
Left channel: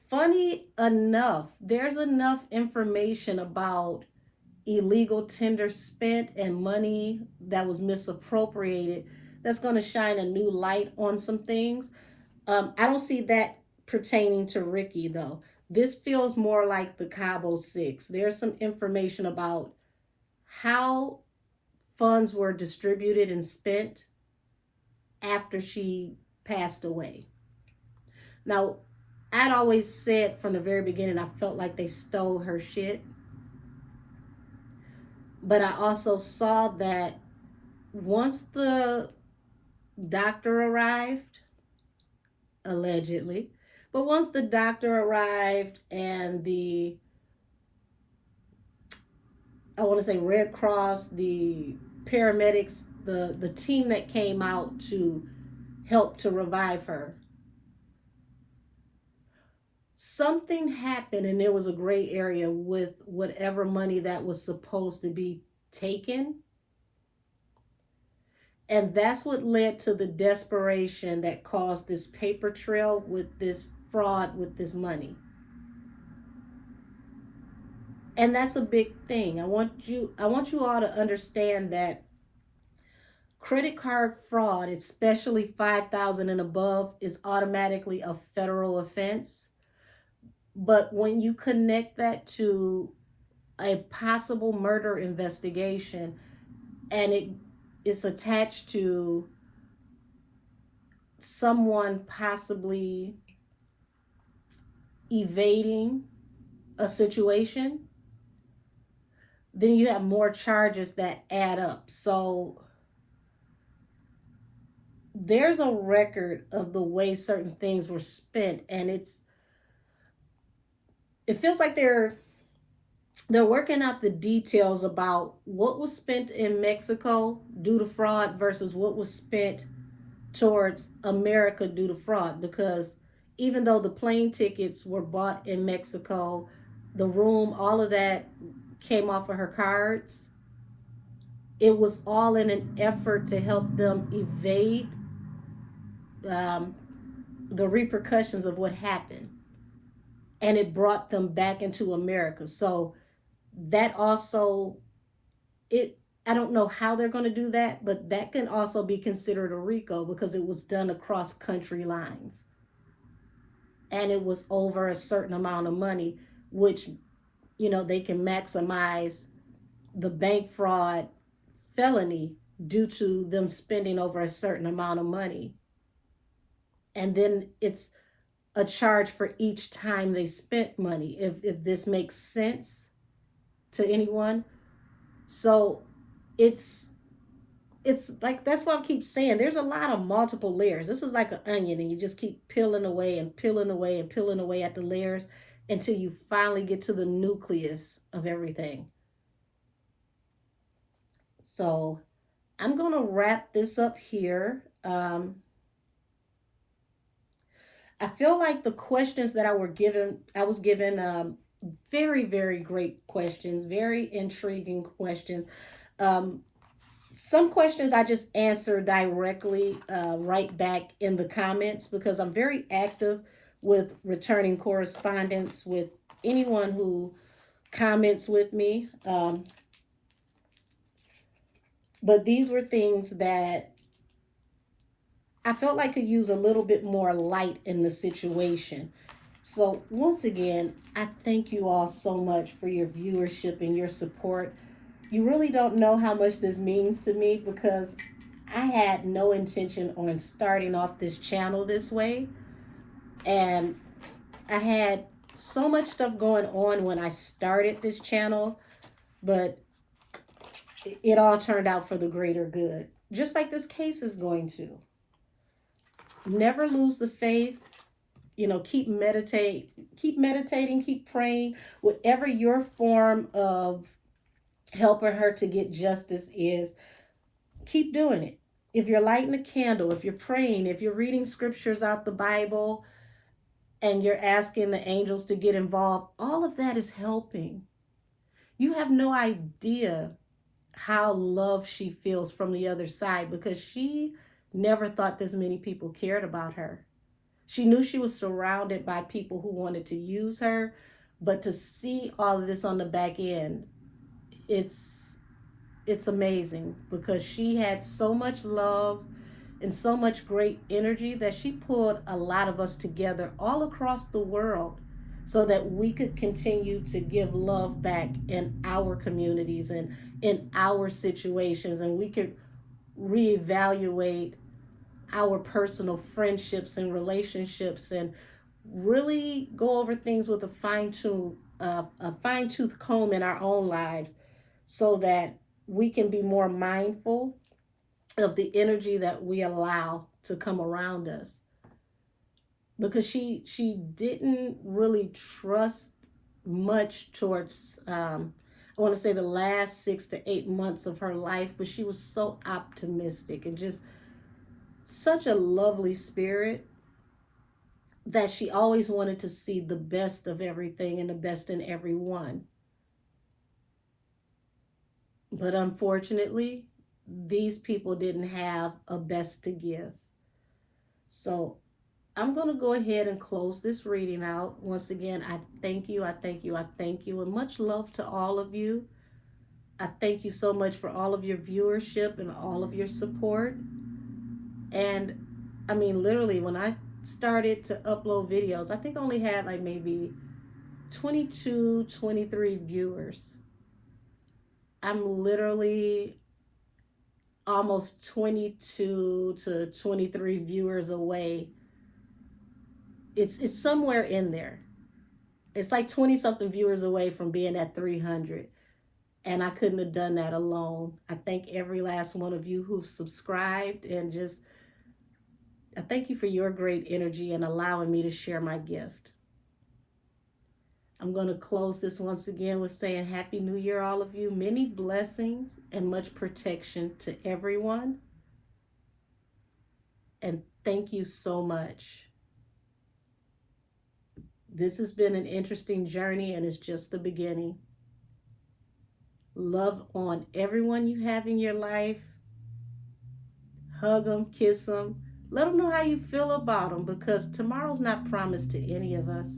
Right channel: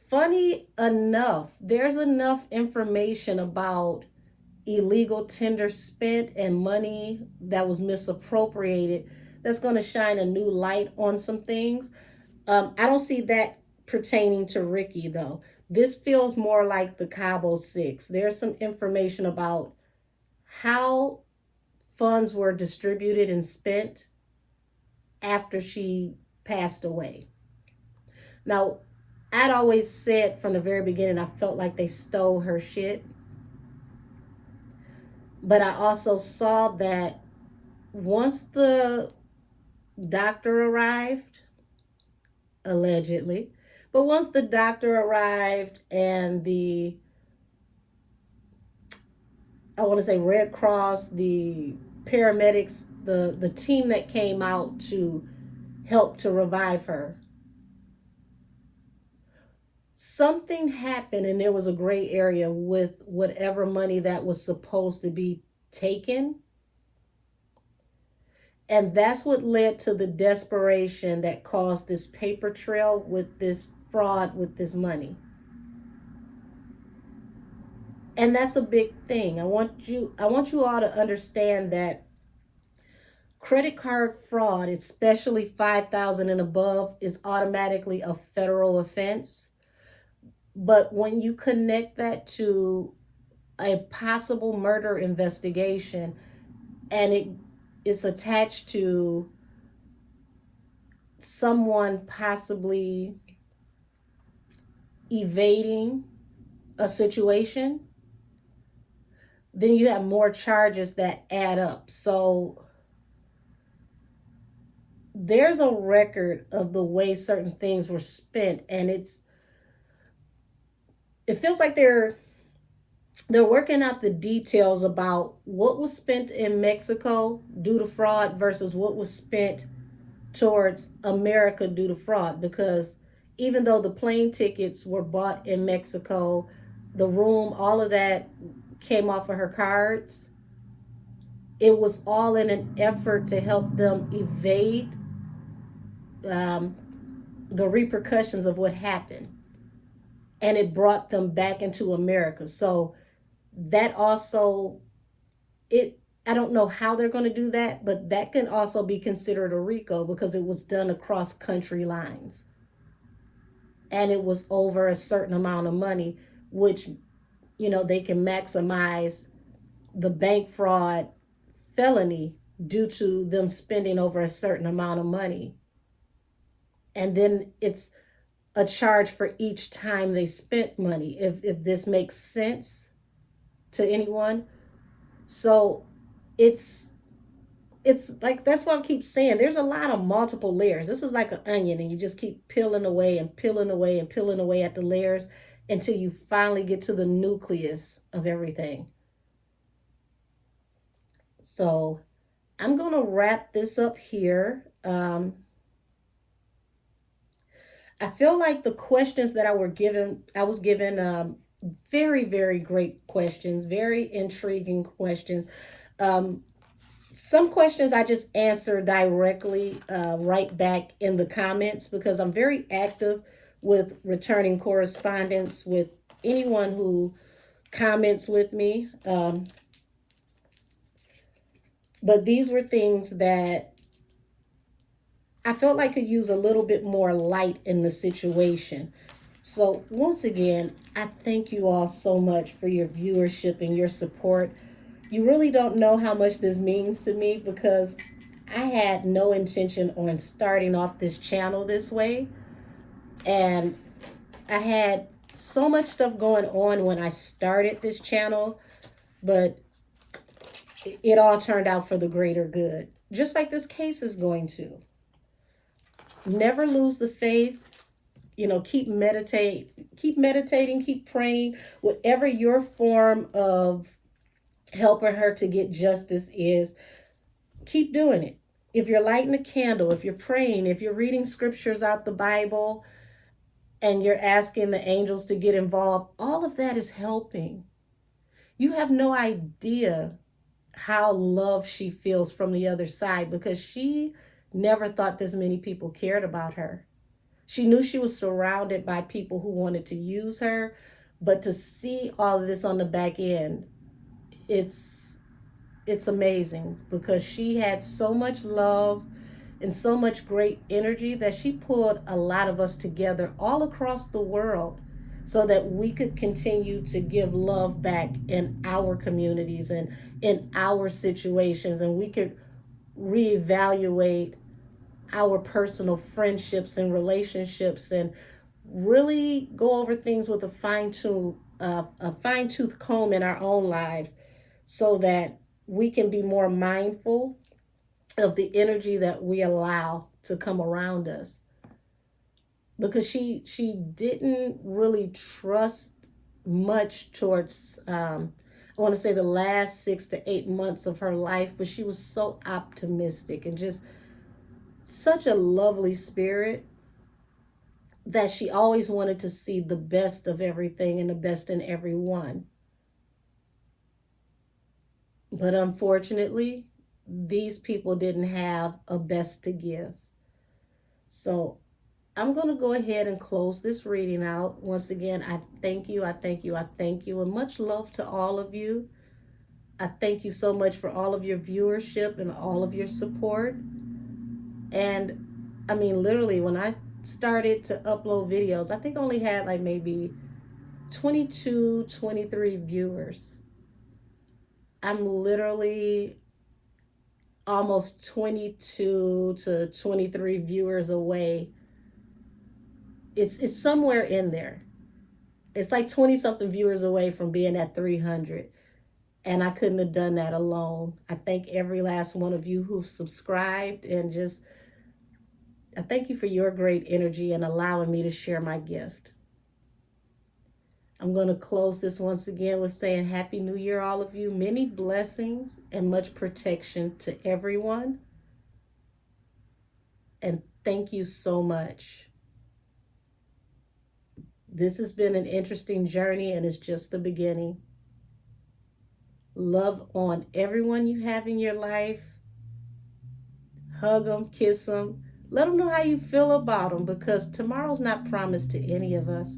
Funny enough, there's enough information about illegal tender spent and money that was misappropriated that's going to shine a new light on some things. I don't see that pertaining to Ricky, though. This feels more like the Cabo Six. There's some information about how funds were distributed and spent after she passed away. Now, I'd always said from the very beginning, I felt like they stole her shit. But I also saw that once the doctor arrived, allegedly, but once the doctor arrived and I want to say Red Cross, the paramedics, the team that came out to help to revive her, something happened and there was a gray area with whatever money that was supposed to be taken. And that's what led to the desperation that caused this paper trail with this fraud with this money. And that's a big thing. I want you all to understand that credit card fraud, especially 5,000 and above, is automatically a federal offense. But when you connect that to a possible murder investigation and it's attached to someone possibly evading a situation, then you have more charges that add up. So there's a record of the way certain things were spent, and it feels like they're working out the details about what was spent in Mexico due to fraud versus what was spent towards America due to fraud. Because even though the plane tickets were bought in Mexico, the room, all of that came off of her cards. It was all in an effort to help them evade the repercussions of what happened. And it brought them back into America. So that also, I don't know how they're going to do that, but that can also be considered a RICO because it was done across country lines. And it was over a certain amount of money, which, they can maximize the bank fraud felony due to them spending over a certain amount of money. And then it's a charge for each time they spent money, if this makes sense to anyone. So it's like, that's why I keep saying there's a lot of multiple layers. This is like an onion, and you just keep peeling away and peeling away and peeling away at the layers until you finally get to the nucleus of everything. So I'm going to wrap this up here. I feel like the questions that I was given very, very great questions, very intriguing questions. Some questions I just answer directly right back in the comments because I'm very active with returning correspondence with anyone who comments with me. But these were things that I felt like could use a little bit more light in the situation. So once again, I thank you all so much for your viewership and your support. You really don't know how much this means to me because I had no intention on starting off this channel this way. And I had so much stuff going on when I started this channel, but it all turned out for the greater good, just like this case is going to. Never lose the faith. You know, keep meditating, keep praying. Whatever your form of helping her to get justice is, keep doing it. If you're lighting a candle, if you're praying, if you're reading scriptures out the Bible, and you're asking the angels to get involved, all of that is helping. You have no idea how loved she feels from the other side because she never thought this many people cared about her. She knew she was surrounded by people who wanted to use her, but to see all of this on the back end, it's amazing because she had so much love and so much great energy that she pulled a lot of us together all across the world so that we could continue to give love back in our communities and in our situations, and we could reevaluate our personal friendships and relationships and really go over things with a fine-tooth comb in our own lives so that we can be more mindful of the energy that we allow to come around us. Because she didn't really trust much towards I want to say the last 6 to 8 months of her life, but she was so optimistic and just such a lovely spirit that she always wanted to see the best of everything and the best in everyone. But unfortunately, these people didn't have a best to give. So I'm going to go ahead and close this reading out. Once again, I thank you, I thank you, I thank you, and much love to all of you. I thank you so much for all of your viewership and all of your support. And I mean, literally, when I started to upload videos, I think I only had like maybe 22, 23 viewers. I'm literally almost 22 to 23 viewers away. It's somewhere in there. It's like 20 something viewers away from being at 300. And I couldn't have done that alone. I thank every last one of you who've subscribed, and just I thank you for your great energy and allowing me to share my gift. I'm going to close this once again with saying Happy New Year, all of you. Many blessings and much protection to everyone. And thank you so much. This has been an interesting journey, and it's just the beginning. Love on everyone you have in your life. Hug them, kiss them. Let them know how you feel about them, because tomorrow's not promised to any of us.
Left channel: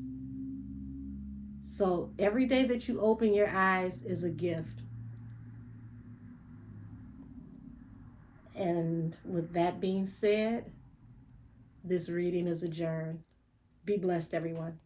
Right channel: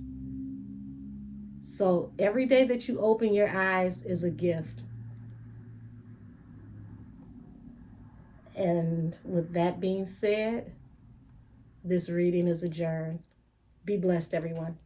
So every day that you open your eyes is a gift. And with that being said, this reading is adjourned. Be blessed, everyone.